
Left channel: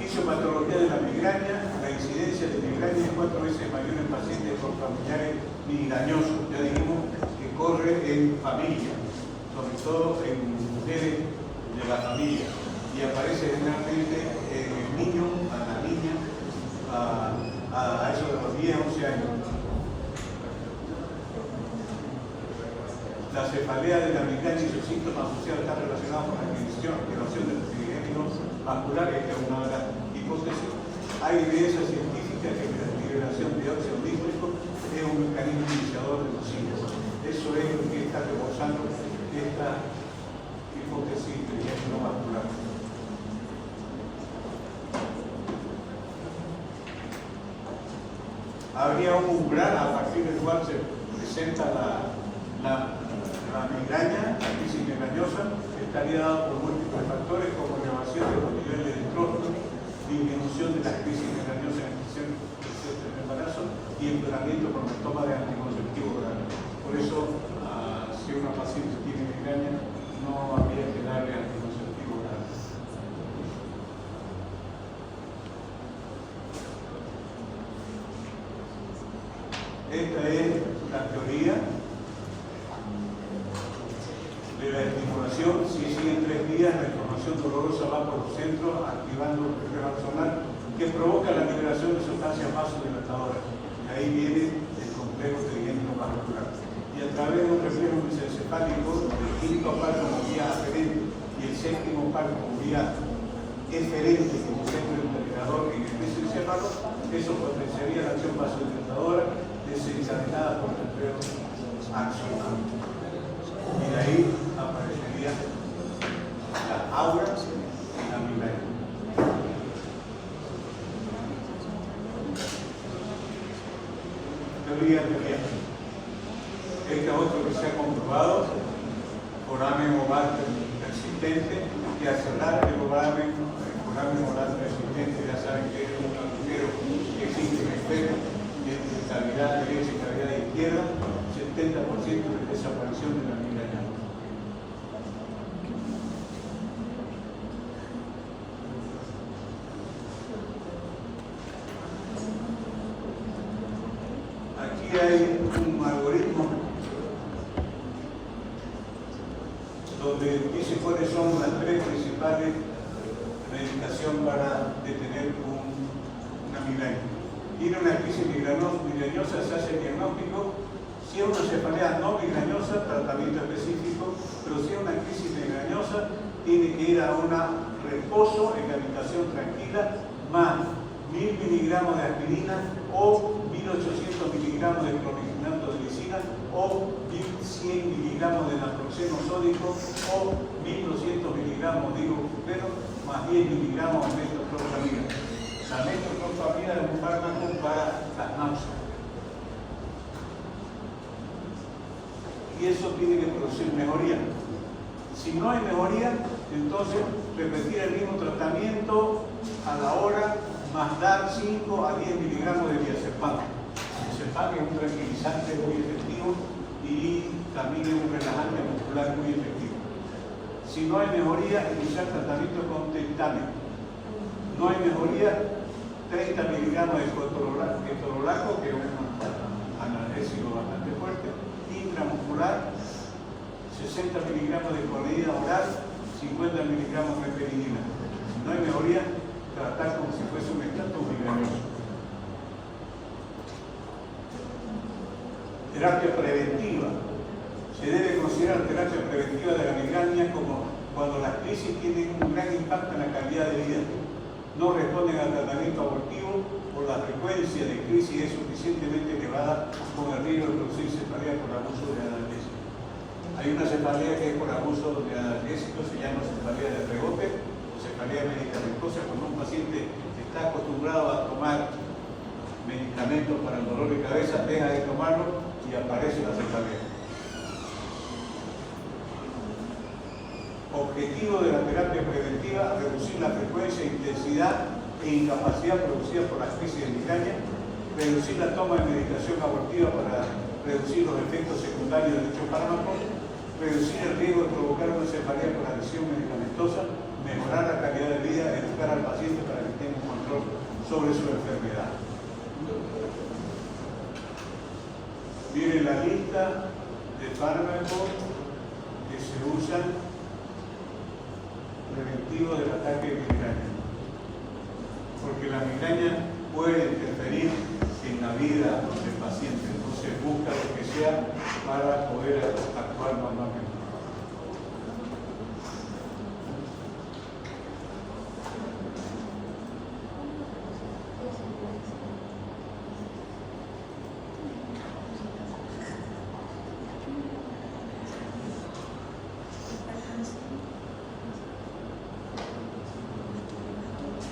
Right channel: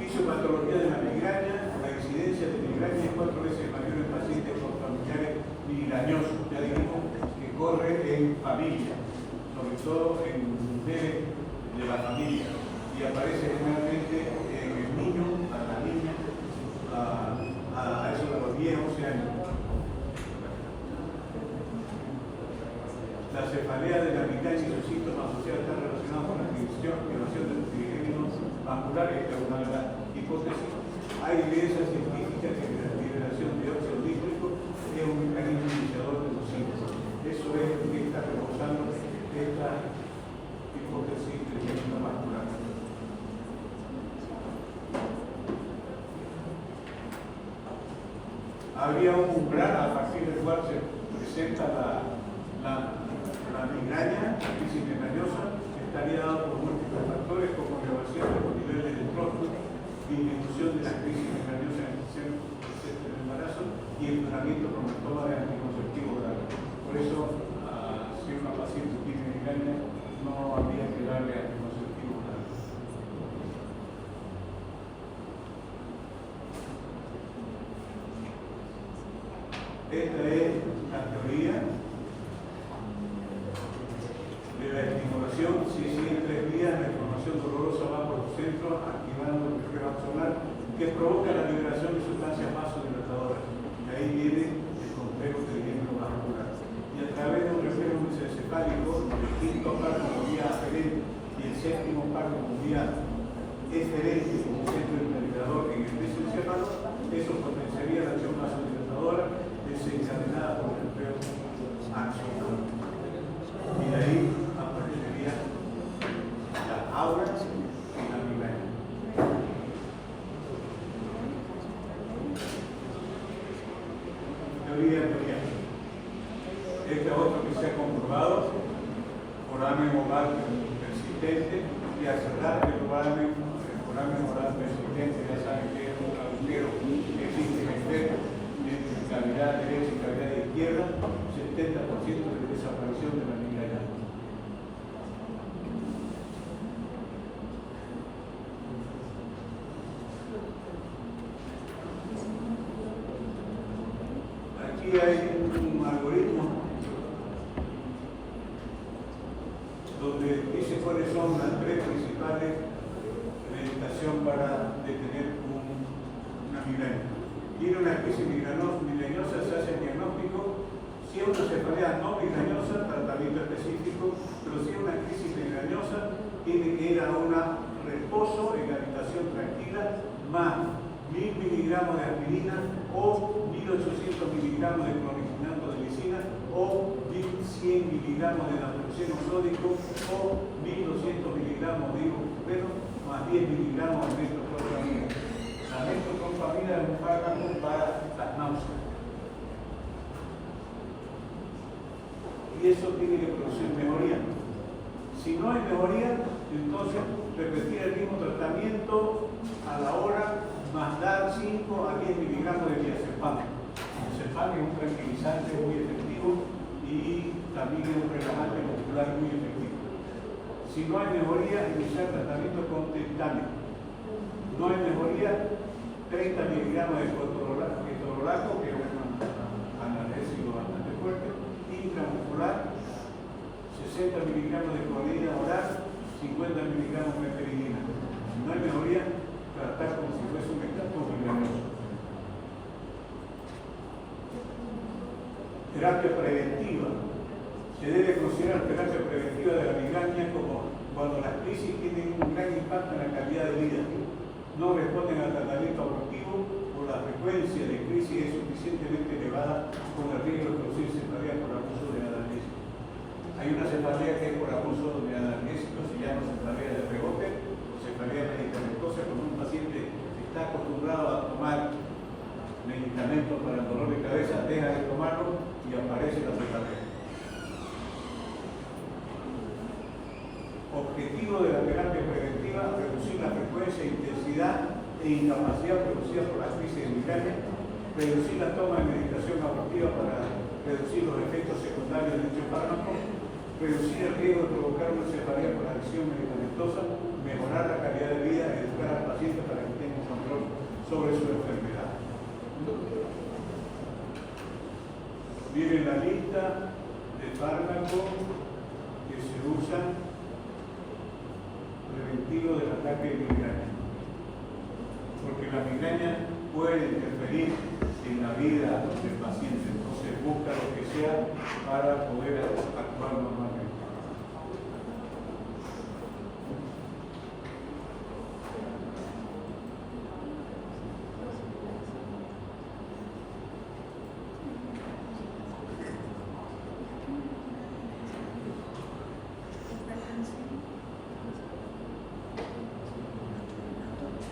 Fisiopatología de la migraña. La incidencia de migraña es 4 veces mayor en pacientes con familiares migrañosos. Ya dijimos que corre en familia, sobre todo en mujeres de la familia, y aparece generalmente en el niño, a la niña, a eso de los 10, 11 años. La cefalea de la migraña y sus síntomas asociados están relacionados con la extinción del trigémino vascular, que es una de las hipótesis. Hay evidencia científica que la liberación de dióxido nítrico es un mecanismo iniciador de los síntomas. Eso es lo que está reforzando esta hipótesis del trigémino vascular. Habría un umbral a partir del cual se presenta la migraña, la crisis migrañosa, estaría dado por múltiples factores como elevación de los niveles de estrógeno, disminución de la crisis migrañosa en el embarazo y empeoramiento con la toma de anticonceptivos orales. Por eso, si una paciente tiene migraña, no habría que darle anticonceptivos orales. Esta es la teoría de la estimulación. Si siguen 3 días, la inflamación dolorosa va por los centros, activando el reflejo axonal, que provoca la liberación de sustancias vasodilatadoras. Y ahí viene el complejo trigémino vascular. Y a través de un reflejo mesencefálico, el quinto párpado vía aferente y el séptimo párpado vía eferente como centro integrador en el mesencéfalo, eso teoría. Este es otro que se ha comprobado por foramen oval persistente, que al cerrar el foramen oval persistente, ya saben que es un agujero que existe en el espejo entre cavidad derecha y cavidad izquierda, 70% de desaparición de la migraña. Aquí hay un algoritmo donde dice cuáles son las tres principales medicaciones para detener una migraña. Tiene una crisis migrañosa, se hace el diagnóstico. Si es una cefalea no migrañosa, tratamiento específico, pero si es una crisis migrañosa, tiene que ir a un reposo en la habitación tranquila, más 1000 miligramos de aspirina o 1800 miligramos de clorifenato de lisina o 1100 miligramos de naproxeno sódico o 1200 miligramos de ibuprofeno más 10 miligramos de metoclopramida. La metoclopramida es un fármaco para las náuseas. Y eso tiene que producir mejoría. Si no hay mejoría, entonces repetir el mismo tratamiento a la hora, más dar 5 a 10 miligramos de diazepam. El diazepam es un tranquilizante muy efectivo y también es un relajante muscular muy efectivo. Si no hay mejoría, iniciar tratamiento con triptano. No hay mejoría, 30 miligramos de ketorolaco, que es un analgésico bastante fuerte, intramuscular, 60 miligramos de clorhidra oral, 50 miligramos de aspirina. Si no hay mejoría, tratar como si fuese un estatus migrañoso. Terapia preventiva. Se debe considerar terapia preventiva de la migraña como cuando las crisis tienen un gran impacto en la calidad de vida, no responden al tratamiento abortivo o la frecuencia de crisis es suficientemente elevada con el riesgo de producir cefalea por abuso de analgésicos. Hay una cefalea que es por abuso de analgésicos, se llama cefalea de rebote o cefalea medicamentosa, cuando un paciente está acostumbrado a tomar medicamentos para el dolor de cabeza, deja de tomarlo y aparece la cefalea. Objetivo de la terapia preventiva: reducir la frecuencia, intensidad e incapacidad producida por las crisis de migraña, reducir la toma de medicación abortiva para reducir los efectos secundarios de dichos fármacos, reducir el riesgo de provocar una cefalea por adicción medicamentosa, mejorar la calidad de vida, educar al paciente para que tenga un control sobre su enfermedad. Miren la lista de fármacos que se usan preventivo del ataque de migraña, porque la migraña puede interferir en la vida del paciente, entonces busca lo que sea para poder actuar normalmente.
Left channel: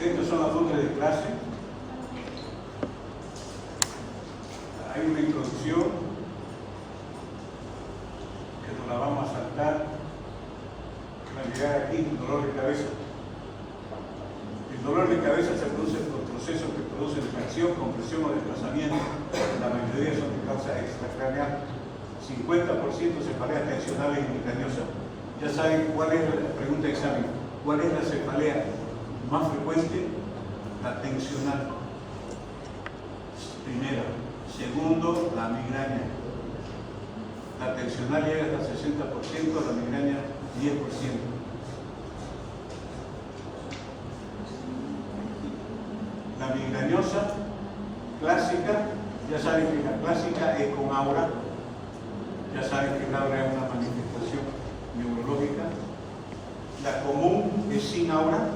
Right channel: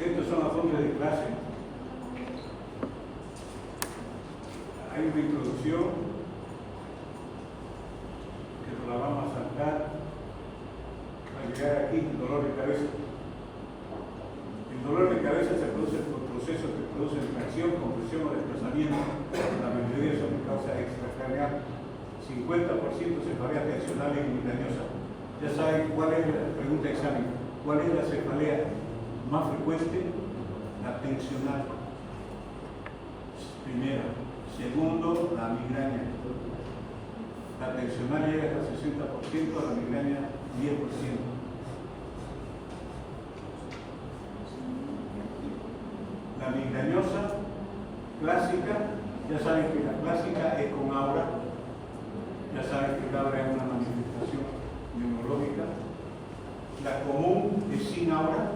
Estos son las fotos de clase. Hay una introducción que nos la vamos a saltar para llegar aquí, dolor de cabeza. El dolor de cabeza se produce por procesos que producen tracción, compresión o desplazamiento. La mayoría son de causa extracraneal. 50% cefaleas tensionales y migrañosas. Ya saben cuál es la pregunta de examen. ¿Cuál es la cefalea más frecuente? La tensional. Primero. Segundo, la migraña. La tensional llega hasta 60%, la migraña 10%. La migrañosa clásica, ya saben que la clásica es con aura, ya saben que el aura es una manifestación neurológica. La común es sin aura,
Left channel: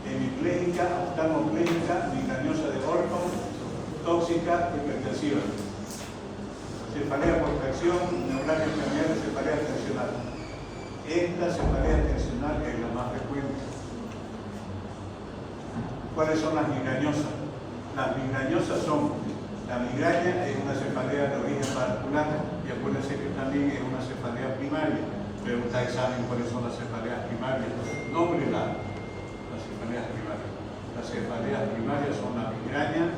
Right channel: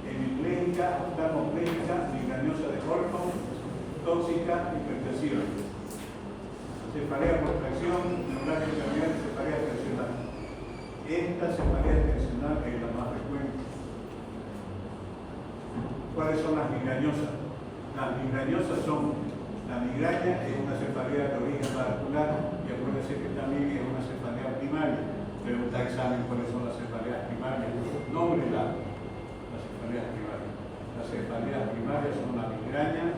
hemipléjica, oftalmopléjica, migrañosa de Orphan, tóxica, hipertensiva. Cefalea por tracción, neuralgia familiar, cefalea tensional. Esta cefalea tensional es la más frecuente. ¿Cuáles son las migrañosas? Las migrañosas son La migraña es una cefalea de origen vascular y acuérdense que también es una cefalea primaria. Pregunta examen cuáles son las cefaleas primarias. Nómbrenla. Las cefaleas primarias. Las cefaleas primarias son la migraña,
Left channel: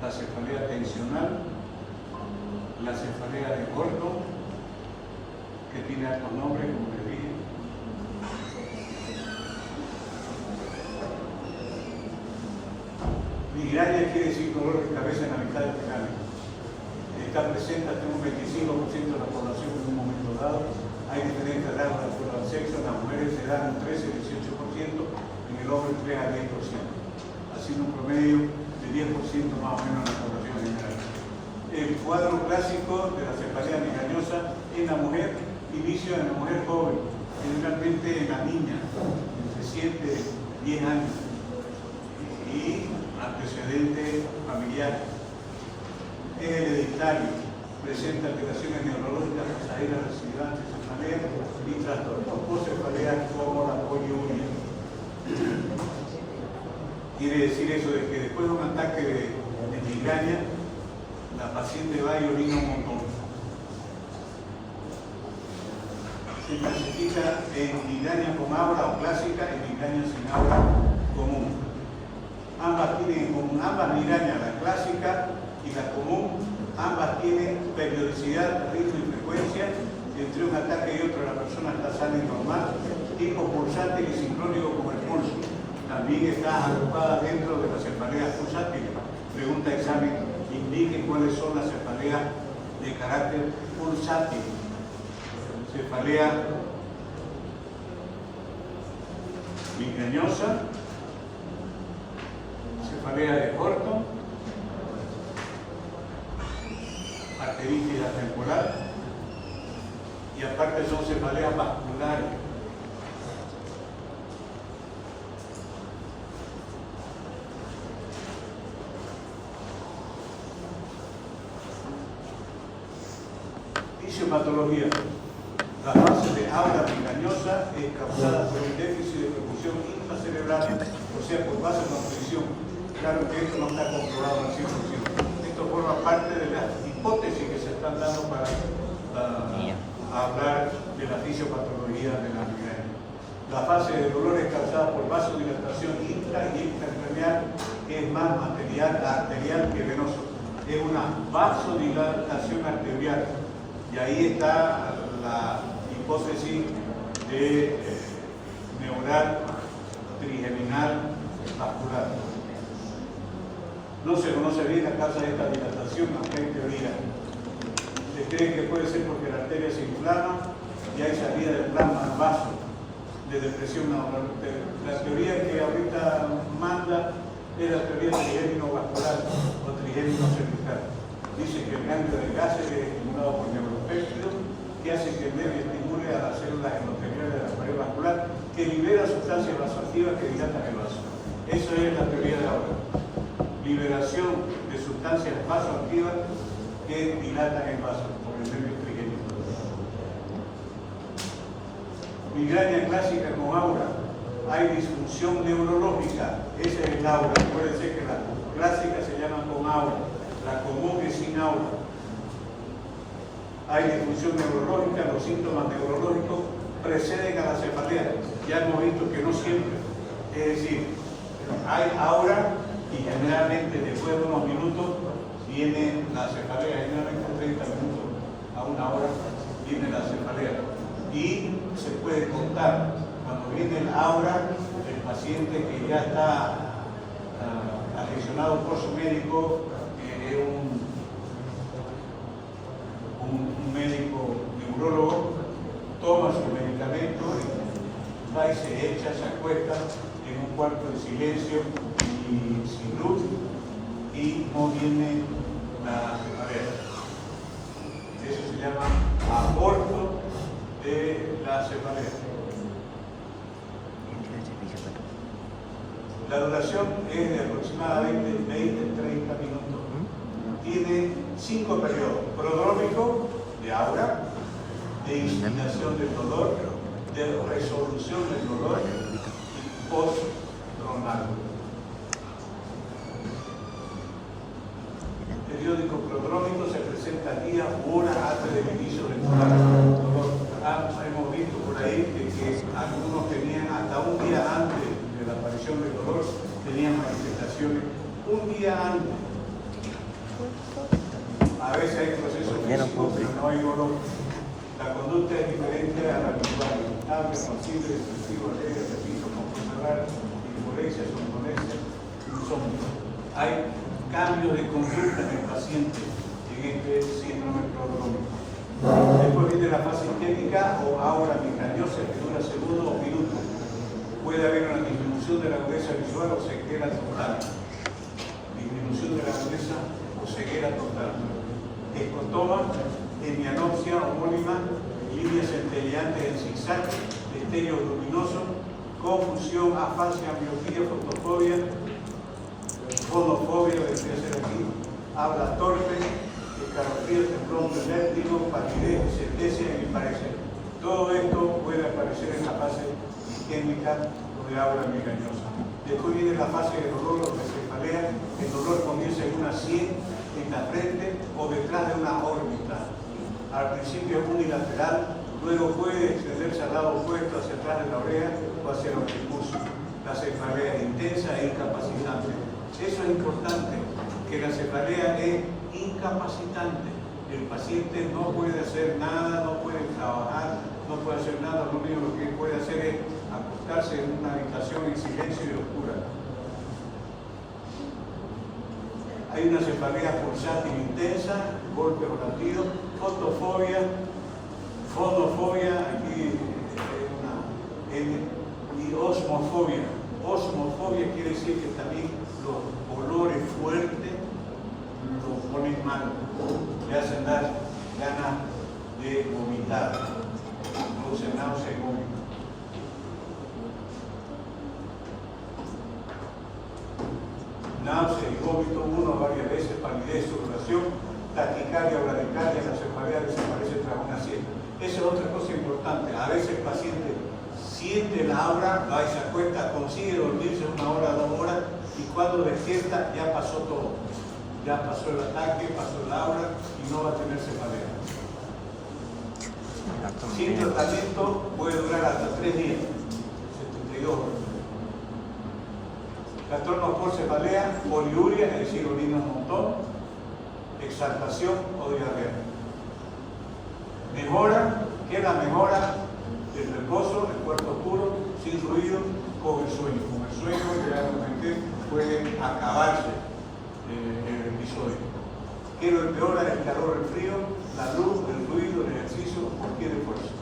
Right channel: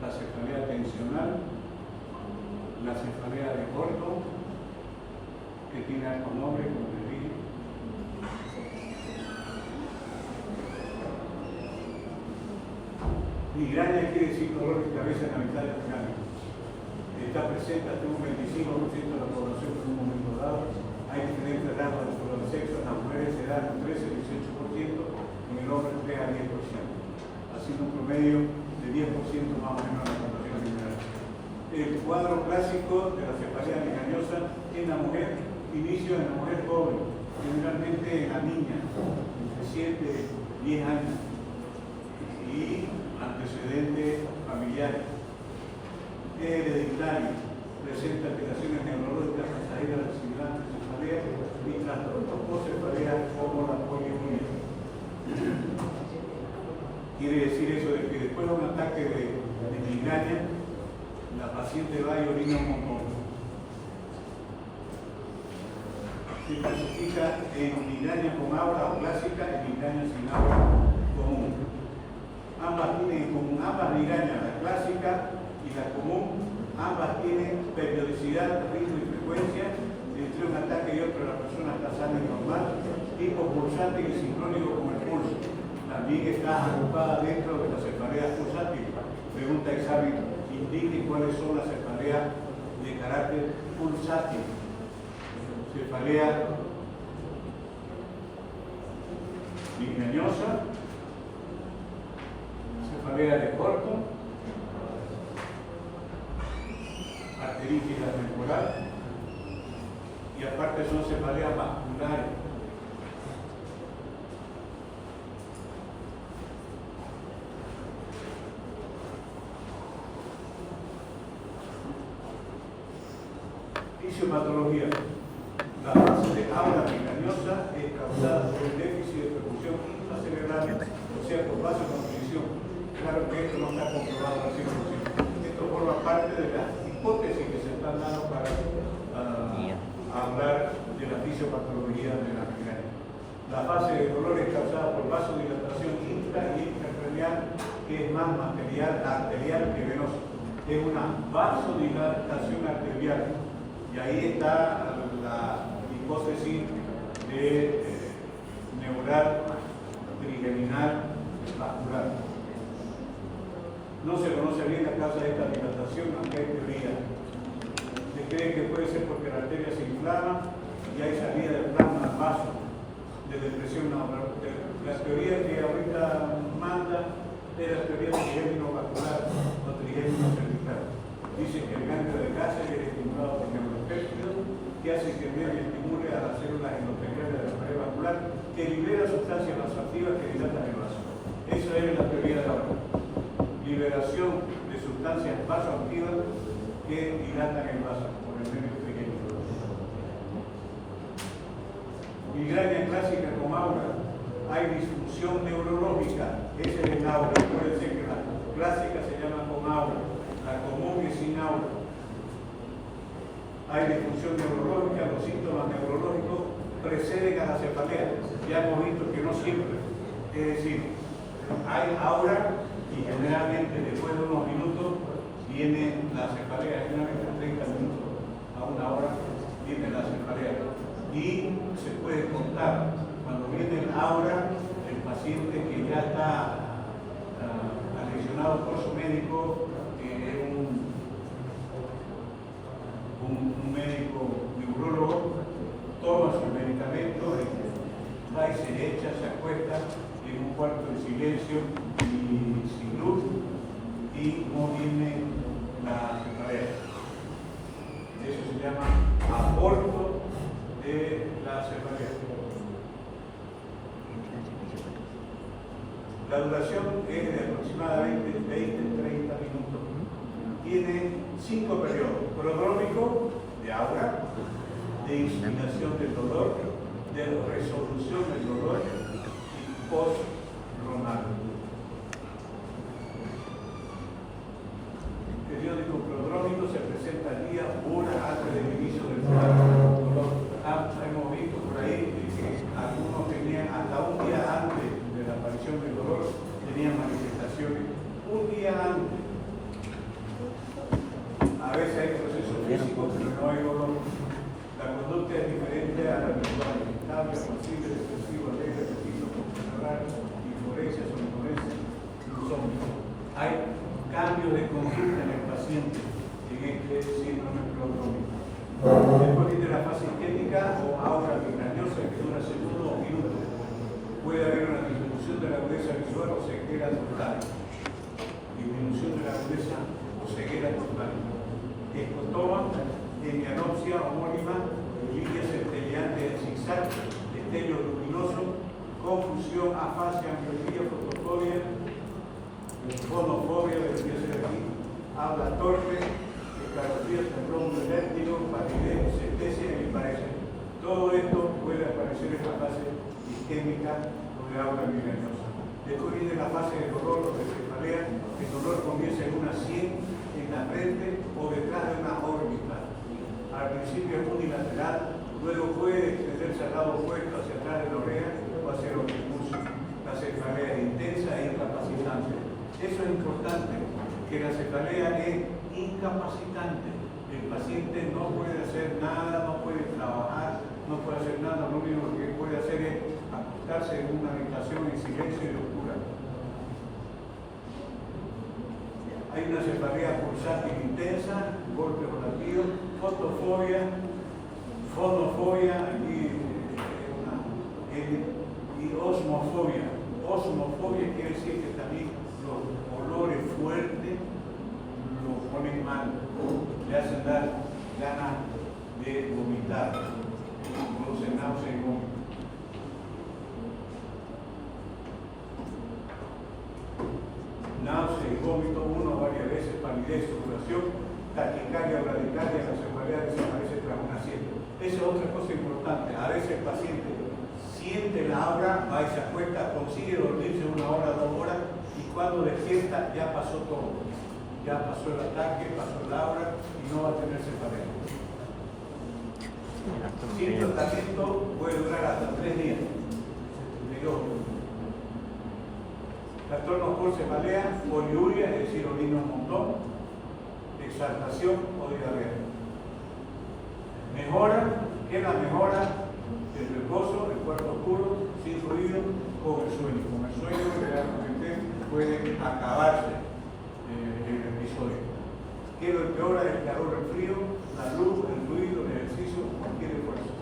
la cefalea tensional, la cefalea de corto, que tiene altos nombres, como les dije. Migraña quiere decir dolor de cabeza en la mitad del cráneo. Está presente hasta un 25% de la población en un momento dado. Hay diferentes grados de acuerdo al sexo. En las mujeres se dan un 13-18%, en el hombre 3 a 10%. Haciendo un promedio de 10% más o menos de la población general. El cuadro clásico de la cefalea migrañosa en la mujer inicia en la mujer joven, generalmente en la niña, entre 7 y 10 años. Y antecedentes familiares. Es hereditario, presenta alteraciones neurológicas pasajeras residuales de cefalea y trastornos post-cefaleas como la poliuria. Quiere decir eso de que después de un ataque de migraña, la paciente va y orina un montón. Se clasifica en migraña con aura o clásica y migraña sin aura común. Ambas tienen en común, ambas migrañas, la clásica y la común, ambas tienen periodicidad, ritmo y frecuencia. Entre un ataque y otro la persona está sana y normal, tipo pulsante y sincrónico como el pulso. También está agrupada dentro de la cefalea pulsátil. Pregunta examen, indique cuáles son las cefaleas de carácter pulsátil. Cefalea migrañosa, cefalea de corto, arteritis temporal y aparte son cefaleas vasculares. Fisiopatología. La fase de aura migrañosa es causada por el déficit de perfusión intracerebral, o sea, por vasoconstricción. Claro que esto no está comprobado al 100%. Esto forma parte de las hipótesis que se están dando para hablar de la fisiopatología de la migraña. La fase de dolor es causada por vasodilatación intra y intracraneal, que es más arterial que venosa. Es una vasodilatación arterial. Y ahí está la hipótesis de neural trigeminal vascular. No se conoce bien la causa de esta dilatación, aunque hay teoría. Se cree que puede ser porque la arteria se inflama y hay salida del plasma al vaso de depresión neuronal. Pero la teoría que ahorita manda es la teoría del trigémino vascular o trigémino cervical. Dice que el ganglio de Gásser es estimulado por neuropéptidos que hace que el nervio estimule a las células endoteliales de la pared vascular que libera sustancias vasoactivas que dilatan el vaso. Eso es la teoría de ahora. Liberación de sustancias vasoactivas que dilatan el vaso por el nervio trigémino. Migraña clásica con aura. Hay disfunción neurológica. Ese es el aura. Puede ser que la clásica se llama con aura. La común es sin aura. Hay disfunción neurológica, los síntomas neurológicos preceden a la cefalea. Ya hemos visto que no siempre. Es decir, hay aura y generalmente después de unos minutos viene la cefalea. Generalmente 30 minutos a una hora viene la cefalea. Y se puede contar, cuando viene el aura, el paciente que ya está aficionado por su médico, un médico neurólogo, toma su medicamento, va y se echa, se acuesta en un cuarto en silencio y sin luz y no viene la cefalea. Eso se llama aborto de la cefalea. La duración es de aproximadamente 20-30 minutos. Tiene 5 periodos: prodrómico, de aura, de instigación del dolor, de resolución del dolor y postdronal. manifestaciones un día antes. A veces hay procesos físicos, pero no hay dolor. La conducta es diferente a la habitual. Hambre, consigue, excesivo, alegre, preciso, cerrar, inforesia, somnolencia, insomnio. Hay cambios de conducta en el paciente en este síndrome prodrómico. Después viene la fase isquémica o aura migrañosa que dura segundos o minutos. Puede haber una disminución de la agudeza visual o ceguera total. Disminución de la agudeza o ceguera total. Escotoma, hemianopsia homónima, líneas centelleantes en zigzag, destellos luminosos, confusión, afasia, miopía, fotofobia, fonofobia, debería ser aquí, habla torpe, escalofríos, temblón del vértigo, palidez, sentencia y parecer. Todo esto puede aparecer en la fase isquémica de aura migrañosa. Después viene la fase de dolor o de cefalea. El dolor comienza en una sien, en la frente o detrás de una órbita. Al principio es unilateral, luego puede extenderse al lado opuesto hacia atrás de la oreja o hacia los discursos. La cefalea es intensa e incapacitante. Eso es importante, que la cefalea es incapacitante. El paciente no puede hacer nada, no puede trabajar, no puede hacer nada, lo único que puede hacer es acostarse en una habitación en silencio y oscura. Hay una cefalea pulsátil intensa, golpes o latidos, fotofobia, fonofobia, aquí y osmofobia. Osmofobia quiere decir que también los olores fuertes los ponen mal, le hacen dar ganas de vomitar, produce náusea y vómito. Náusea y vómito, uno varias veces, palidez, sudoración, taquicardia o bradicardia, la cefalea desaparece tras una siesta. Esa es otra cosa importante. A veces el paciente siente la aura, va y se acuesta, consigue dormirse 1 hora, 2 horas, y cuando despierta ya pasó todo. Ya pasó el ataque, pasó el aura y no va a tener cefalea. Sin tratamiento puede durar hasta 3 días, 72 horas. Trastornos por cefalea, poliuria, es decir, orina un montón, exaltación o diarrea. Mejora, ¿qué es la mejora? El reposo, el cuarto oscuro, sin ruido, con el sueño. Con el sueño realmente puede acabarse el episodio. ¿Qué lo empeora? El calor, el frío, la luz, el ruido, el ejercicio, cualquier esfuerzo.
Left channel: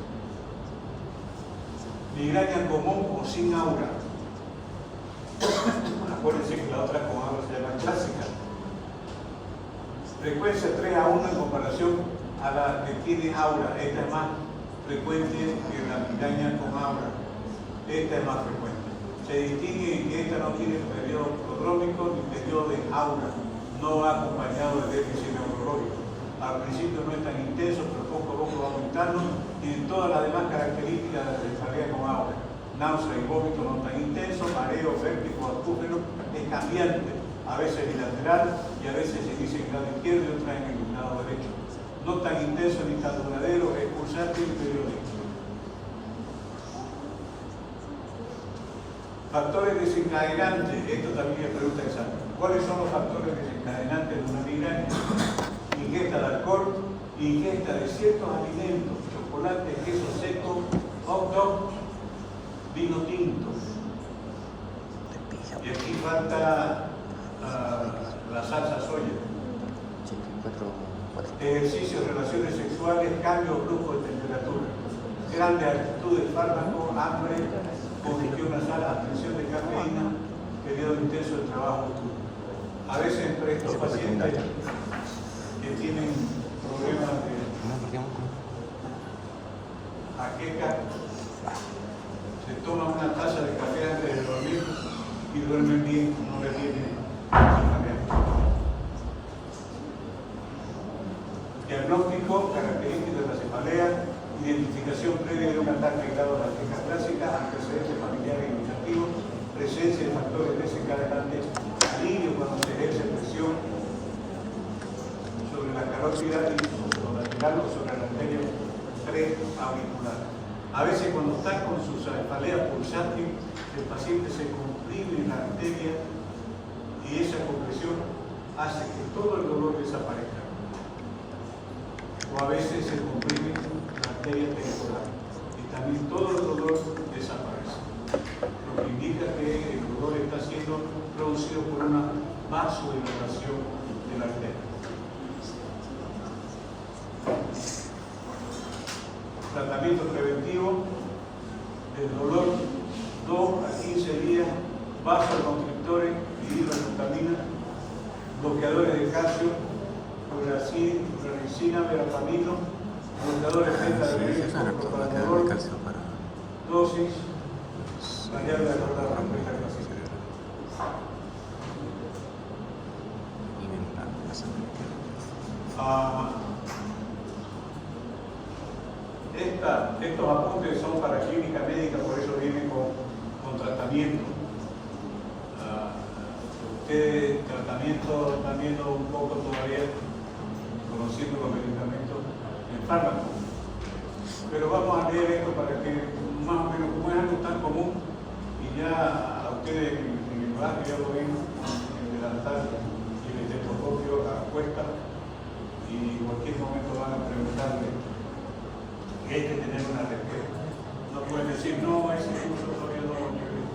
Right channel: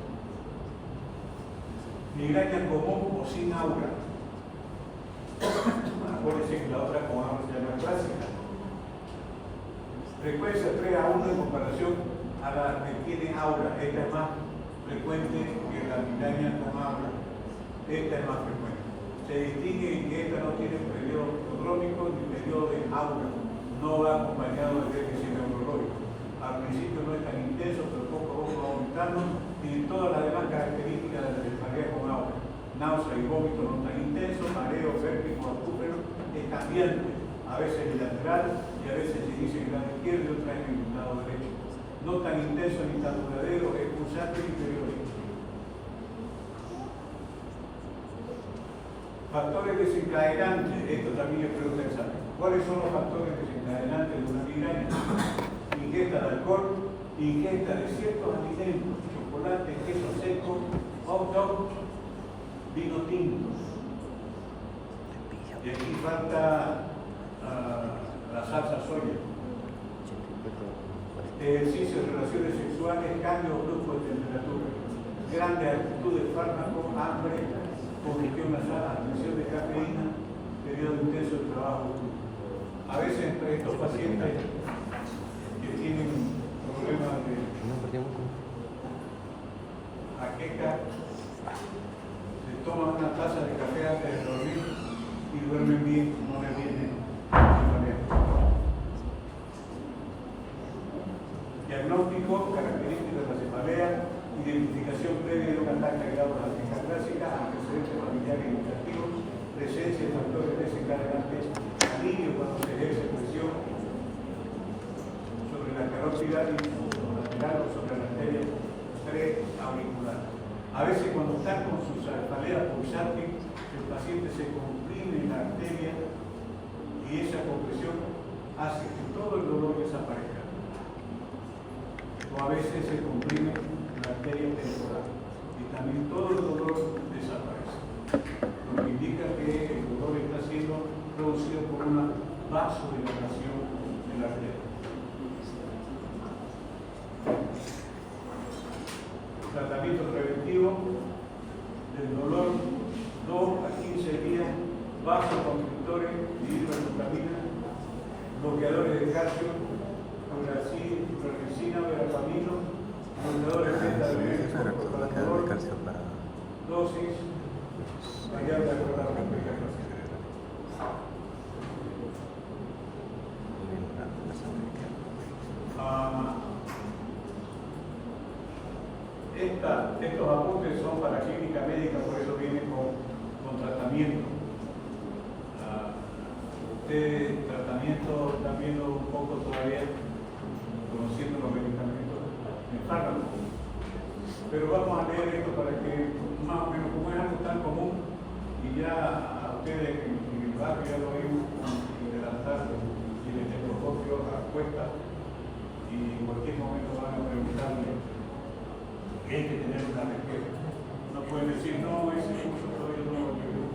Migraña común o sin aura. Acuérdense que la otra con aura se llama clásica. Frecuencia 3 a 1 en comparación a la que tiene aura. Esta es más frecuente que la migraña con aura. Esta es más frecuente. Se distingue en que esta no tiene periodo prodrómico ni periodo de aura. No va acompañado de déficit neurológico. Al principio no es tan intenso, pero poco a poco va aumentando y todas las demás características de la cefalea con aura. Náusea y vómito no tan intenso, mareo, vértigo, acúfeno, es cambiante. A veces bilateral y a veces se dice en el lado izquierdo y otra en el lado derecho. No tan intenso ni tan duradero, es pulsante y periódico. Factores desencadenantes, esto también es pregunta exacta. ¿Cuáles son los factores desencadenantes de una migraña? Ingesta de alcohol, ingesta de ciertos alimentos, chocolate, queso seco, hot dog, vino tinto. Y aquí falta la salsa soya. Ejercicio, relaciones sexuales, cambio brusco de temperatura, grandes actitudes, fármaco, hambre, congestión nasal, abstención de cafeína, periodo intenso de trabajo. A veces entre estos pacientes que tienen problemas de jaqueca, se toman una taza de café antes de dormir y duermen bien, no le viene cefalea. Diagnóstico, características de la cefalea, identificación previa de un ataque grado de la queja clásica, antecedentes familiares y gustativos, presencia de factores desencadenantes, alivio cuando se ejerce presión sobre la carótida lateral o sobre la arteria preauricular. A veces cuando están con su presión hace que todo el dolor desaparezca. O a veces se comprime la arteria temporal y también todo el dolor desaparece. Lo que indica que el dolor está siendo producido por una vasodilatación de la arteria. Tratamiento preventivo del dolor, 2 a 15 días, vasoconstrictores, dihidroxatamina, bloqueadores de calcio, cloracina, verapamino, bloqueadores de calcio para dosis, mediante la rotación. y la sangre. Estos apuntes son para clínica médica, por eso vienen con tratamiento. Ustedes tratamiento están viendo un poco todavía, conociendo los medicamentos en fármaco. Pero vamos a leer esto para que más o menos, como es algo tan común, y ya a ustedes en el barrio ya lo vimos en la tarde y el estetoscopio a cuesta, y en cualquier momento van a preguntarle que hay que tener una respuesta. No pueden decir, no, ese curso todavía no lo llevé.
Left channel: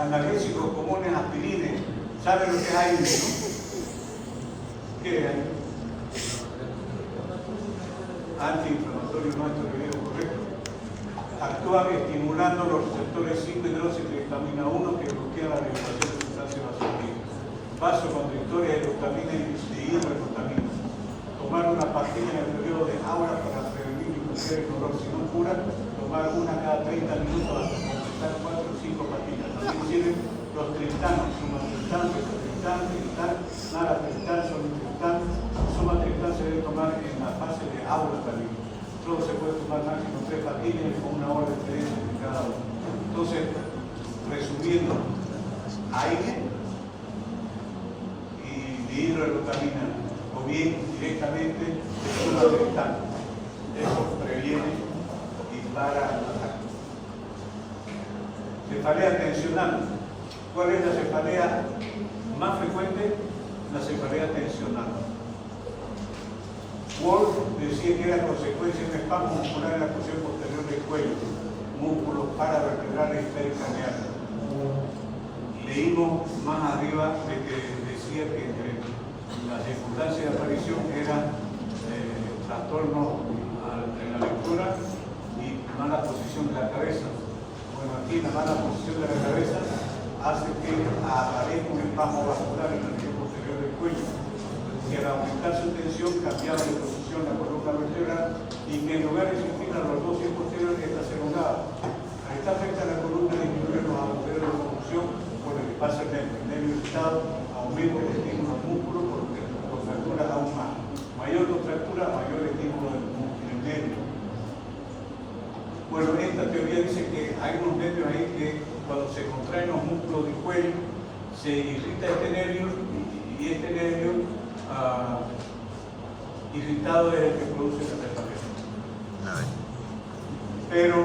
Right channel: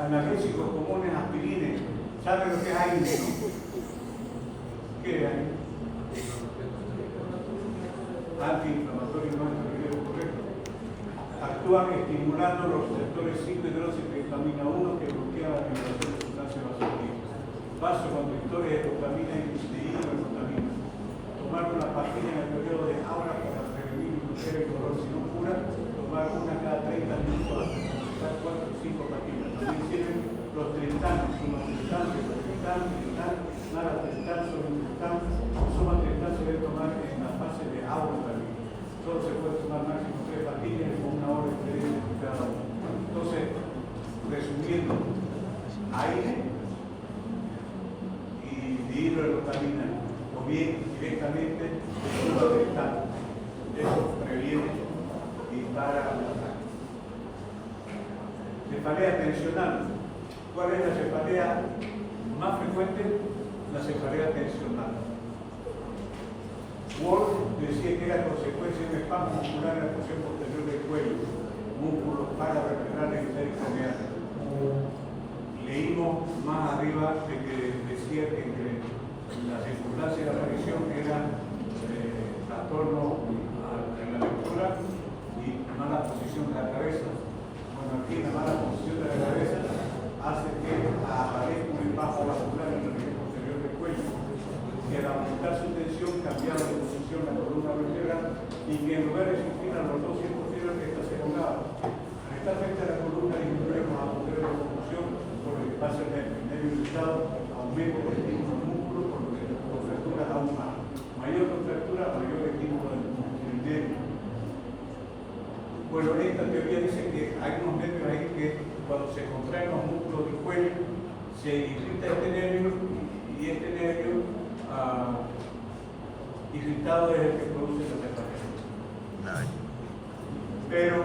Analgésicos comunes, aspirines. ¿Saben lo que es ahí? ¿Qué es ahí? Antiinflamatorio no antiretroviral, correcto. Actúan estimulando los receptores 5 hidroxitriptamina 1 que bloquean la liberación de sustancias vasoactivas. Vasoconstrictores de glutamina y dihidroxatamina. Tomar una pastilla en el periodo de aura para prevenir y curar el dolor. Si no cura, tomar una cada 30 minutos hasta completar 4 o 5 pastillas. También sirven los triptanos, nada triptán, solo triptán. Suma triptán se debe tomar en la fase de aura también. Solo se puede tomar máximo 3 pastillas y con una hora de experiencia en cada uno. Entonces, resumiendo, aire y dihidroxatamina, o bien directamente de suma triptán. Eso previene y para la cefalea tensional. ¿Cuál es la cefalea más frecuente? La cefalea tensional. Wolf decía que era consecuencia de un espasmo muscular en la porción posterior del cuello, músculos paravertebrales y pericraniales. Leímos más arriba de que decía que la circunstancia de aparición que era trastorno en la lectura y mala posición de la cabeza. Bueno, aquí la mala posición de la cabeza hace que aparezca un espasmo vascular en el posterior del cuello, y al aumentar su tensión cambiar de posición la columna vertebral y que en lugar de existir a los dos posteriores esta se elongaba. A esta afecta la columna inferior los agujeros de locomoción por el que pasa el nervio irritado, aumento del estímulo del músculo por contracturas aún más. Mayor contractura, mayor estímulo del nervio. Bueno, esta teoría dice que hay unos nervios ahí que cuando se contraen los músculos del cuello se irrita este nervio y este nervio irritado es el que produce la cefalea. Pero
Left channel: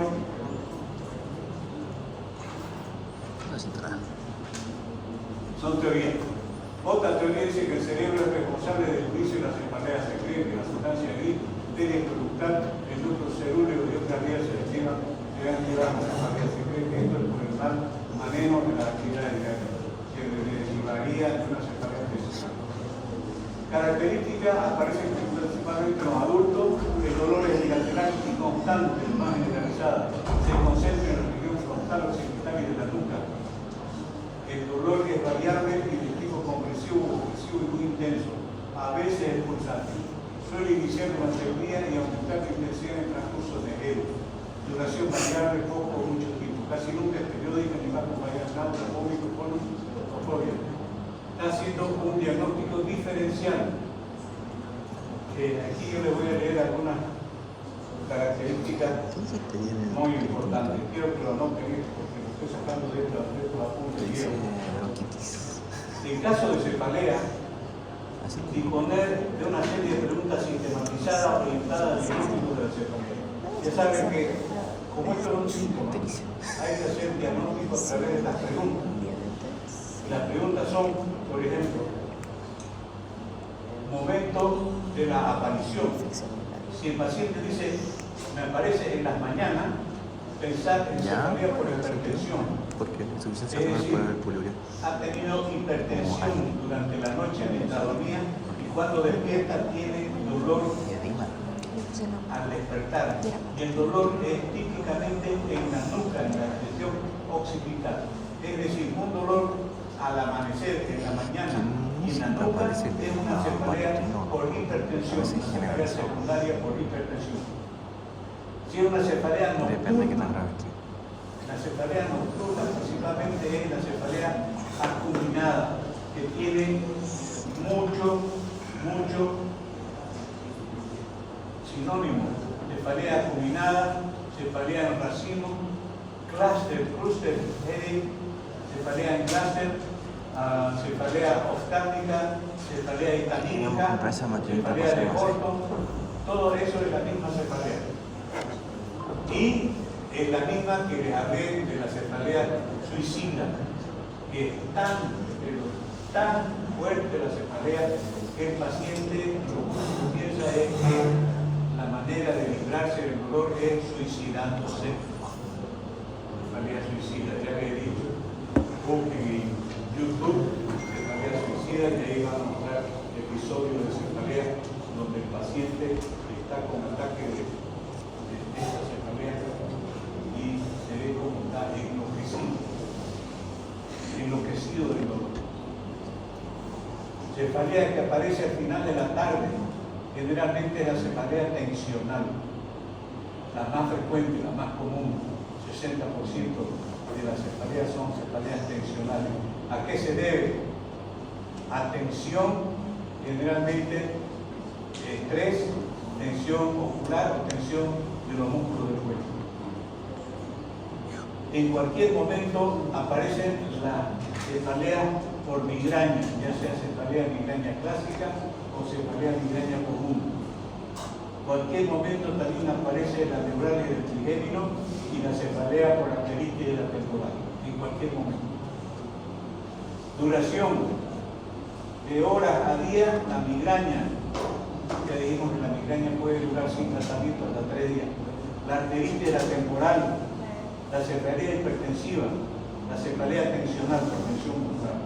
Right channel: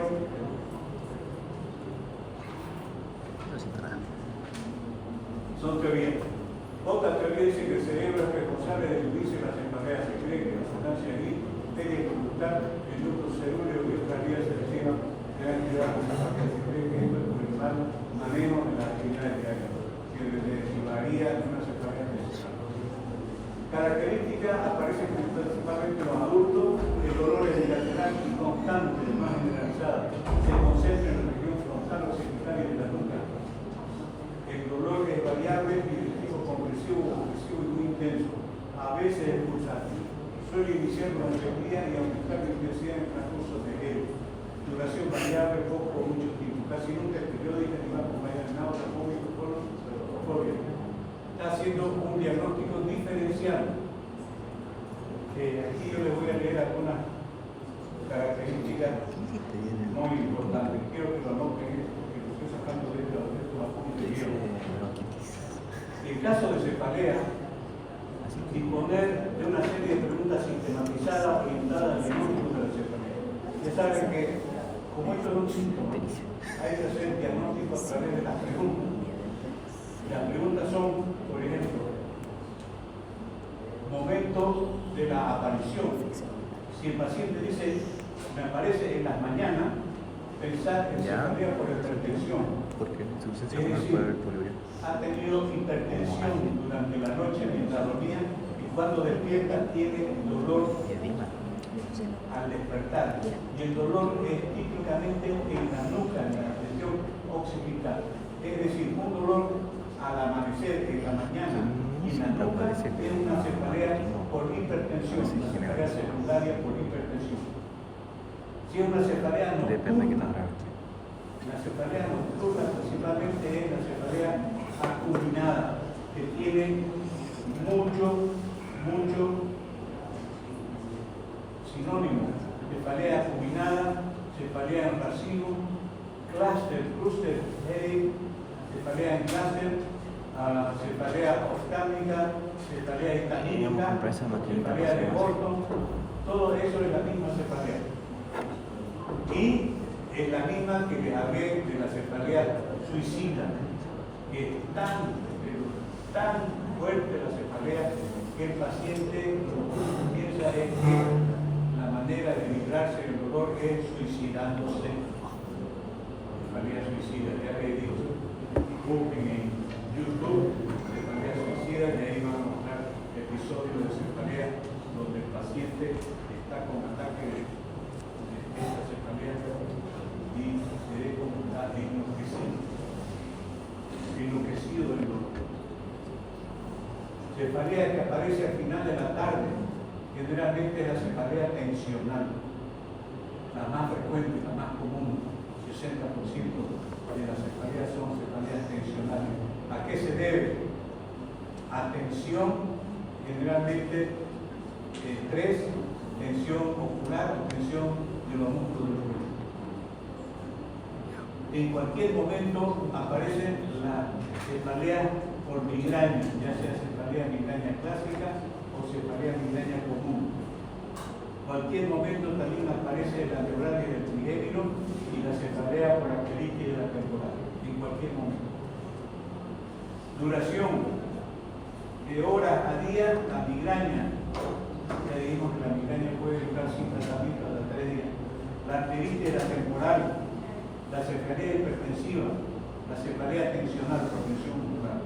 son teorías. Otra teoría dice que el cerebro es responsable del inicio de la cefalea, se cree que la sustancia gris debe producir el núcleo cerúleo y otras vías selectivas que deben llevar a la cefalea. Se cree que esto es por el mal manejo de la actividad diaria, que derivaría de una cefalea tensional. Características aparecen principalmente en los adultos, el dolor es bilateral y constante, más generalizada, se concentra en la región frontal occipital y de la nuca. El dolor es variable y de tipo compresivo y muy intenso, a veces es pulsante. Suele iniciar durante el día y aumentar la intensidad en el transcurso de él. Duración variable, poco o mucho tiempo, casi nunca es periódica ni más acompañada, náusea, vómito, fobia. Está haciendo un diagnóstico diferencial. Aquí yo les voy a leer algunas características muy importantes. Quiero que lo anoten porque lo estoy sacando de estos apuntes. En caso de cefalea, disponer de una serie de preguntas sistematizadas orientadas al diagnóstico de la cefalea. Ya saben que, como esto es un síntoma, hay que hacer diagnóstico diagnóstico a través de estas preguntas. Las preguntas son, por ejemplo, momento de la aparición. Si el paciente dice, me aparece en las mañanas, pensar en cefalea por hipertensión. Porque la insuficiencia renal puede haber poliuria. Ha tenido hipertensión durante la noche mientras dormía y cuando despierta tiene dolor al despertar. Y el dolor es típicamente en la nuca, en la región occipital. Es decir, un dolor al amanecer en la mañana y en la nuca es una cefalea por hipertensión, una cefalea secundaria por hipertensión. Si es una cefalea nocturna, depende de qué tan grave esté. La cefalea nocturna principalmente es la cefalea acuminada, que tiene mucho sinónimo. Cefalea acuminada, cefalea en racimo, cluster headache, cefalea en cluster, cefalea oftálmica, cefalea histanínica, cefalea de Horton, todo eso es la misma cefalea. Y es la misma que les hablé de la cefalea suicida, que es tan fuerte la cefalea que el paciente lo que piensa es que la manera de librarse del dolor es suicidándose. Cefalea suicida, ya le he dicho, busquen en YouTube cefalea suicida y ahí van a mostrar episodios de cefalea donde el paciente está con ataque de esta cefalea y se ve como está enloquecido del dolor. Cefalea que aparece al final de la tarde, generalmente es la cefalea tensional, la más frecuente, la más común, 60% de las cefaleas son cefaleas tensionales. ¿A qué se debe? A tensión, generalmente estrés, tensión ocular o tensión de los músculos del cuerpo. En cualquier momento aparece la cefalea por migraña, ya sea cefalea migraña clásica o cefalea migraña común. En cualquier momento también aparece la neuralgia del trigémino y la cefalea por arteritis de la temporal. En cualquier momento. Duración de horas a día, la migraña. Ya dijimos que la migraña puede durar sin tratamiento hasta 3 días. La arteritis de la temporal, la cefalea hipertensiva, la cefalea tensional, hipertensión pulmonar.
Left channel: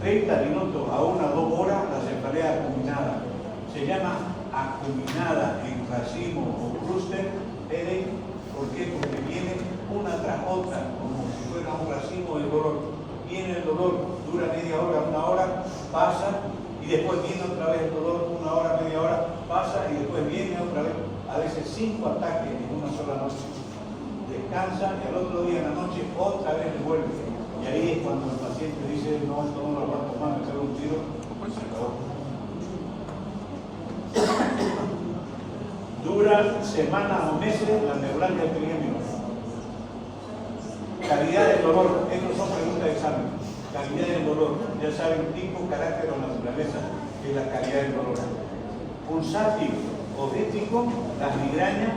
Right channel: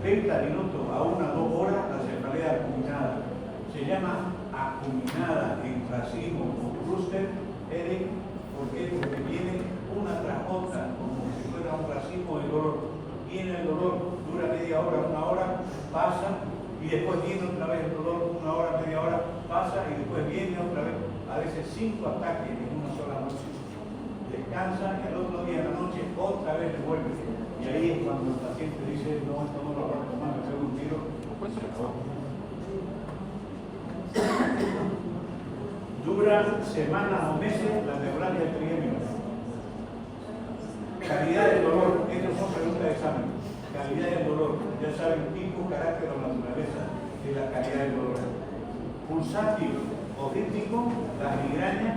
30 minutos a 1 a 2 horas, la cefalea acuminada. Se llama acuminada en racimo o clúster headache. ¿Por qué? Porque viene una tras otra, como si fuera un racimo de dolor. Viene el dolor, dura media hora, 1 hora, pasa, y después viene otra vez el dolor, 1 hora, media hora, pasa, y después viene otra vez. A veces 5 ataques en una sola noche. Descansa, el otro día en la noche otra vez le vuelve. Y ahí es cuando el paciente dice, no lo voy a tomar, me pego un tiro. Duran semanas o meses la neuralgia del trigémino. Calidad del dolor, estas son preguntas de examen. Calidad del dolor, ya saben, tipo, carácter o naturaleza de la calidad del dolor. Pulsátil o rítmico, las migrañas,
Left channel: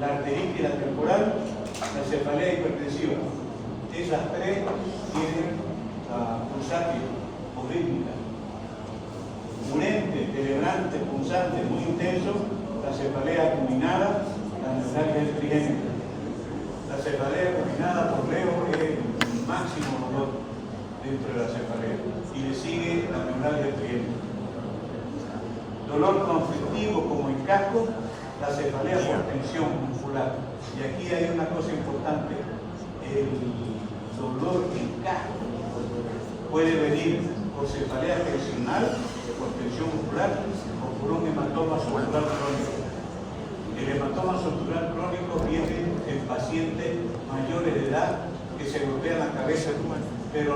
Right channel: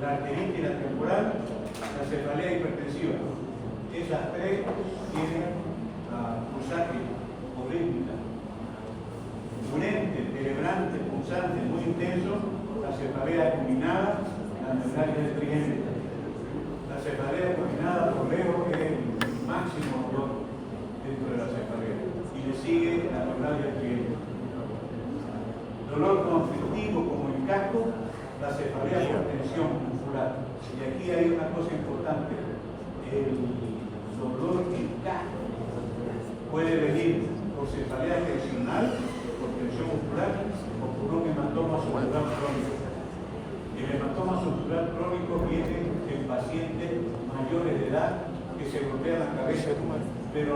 la arteritis, la temporal, la cefalea hipertensiva. Esas 3 tienen pulsátil o rítmica. Urente, celebrante, punzante, muy intenso, la cefalea acuminada, la neuralgia del trigémino. La cefalea acuminada, por leo, es el máximo dolor dentro de la cefalea. Y le sigue la neuralgia del trigémino. Dolor conflictivo como en casco, la cefalea por tensión muscular. Y aquí hay una cosa importante. El dolor en casco puede venir por cefalea tensional, por tensión muscular o por un hematoma subdural crónico. El hematoma subdural crónico viene en pacientes mayores de edad que se golpean la cabeza, pero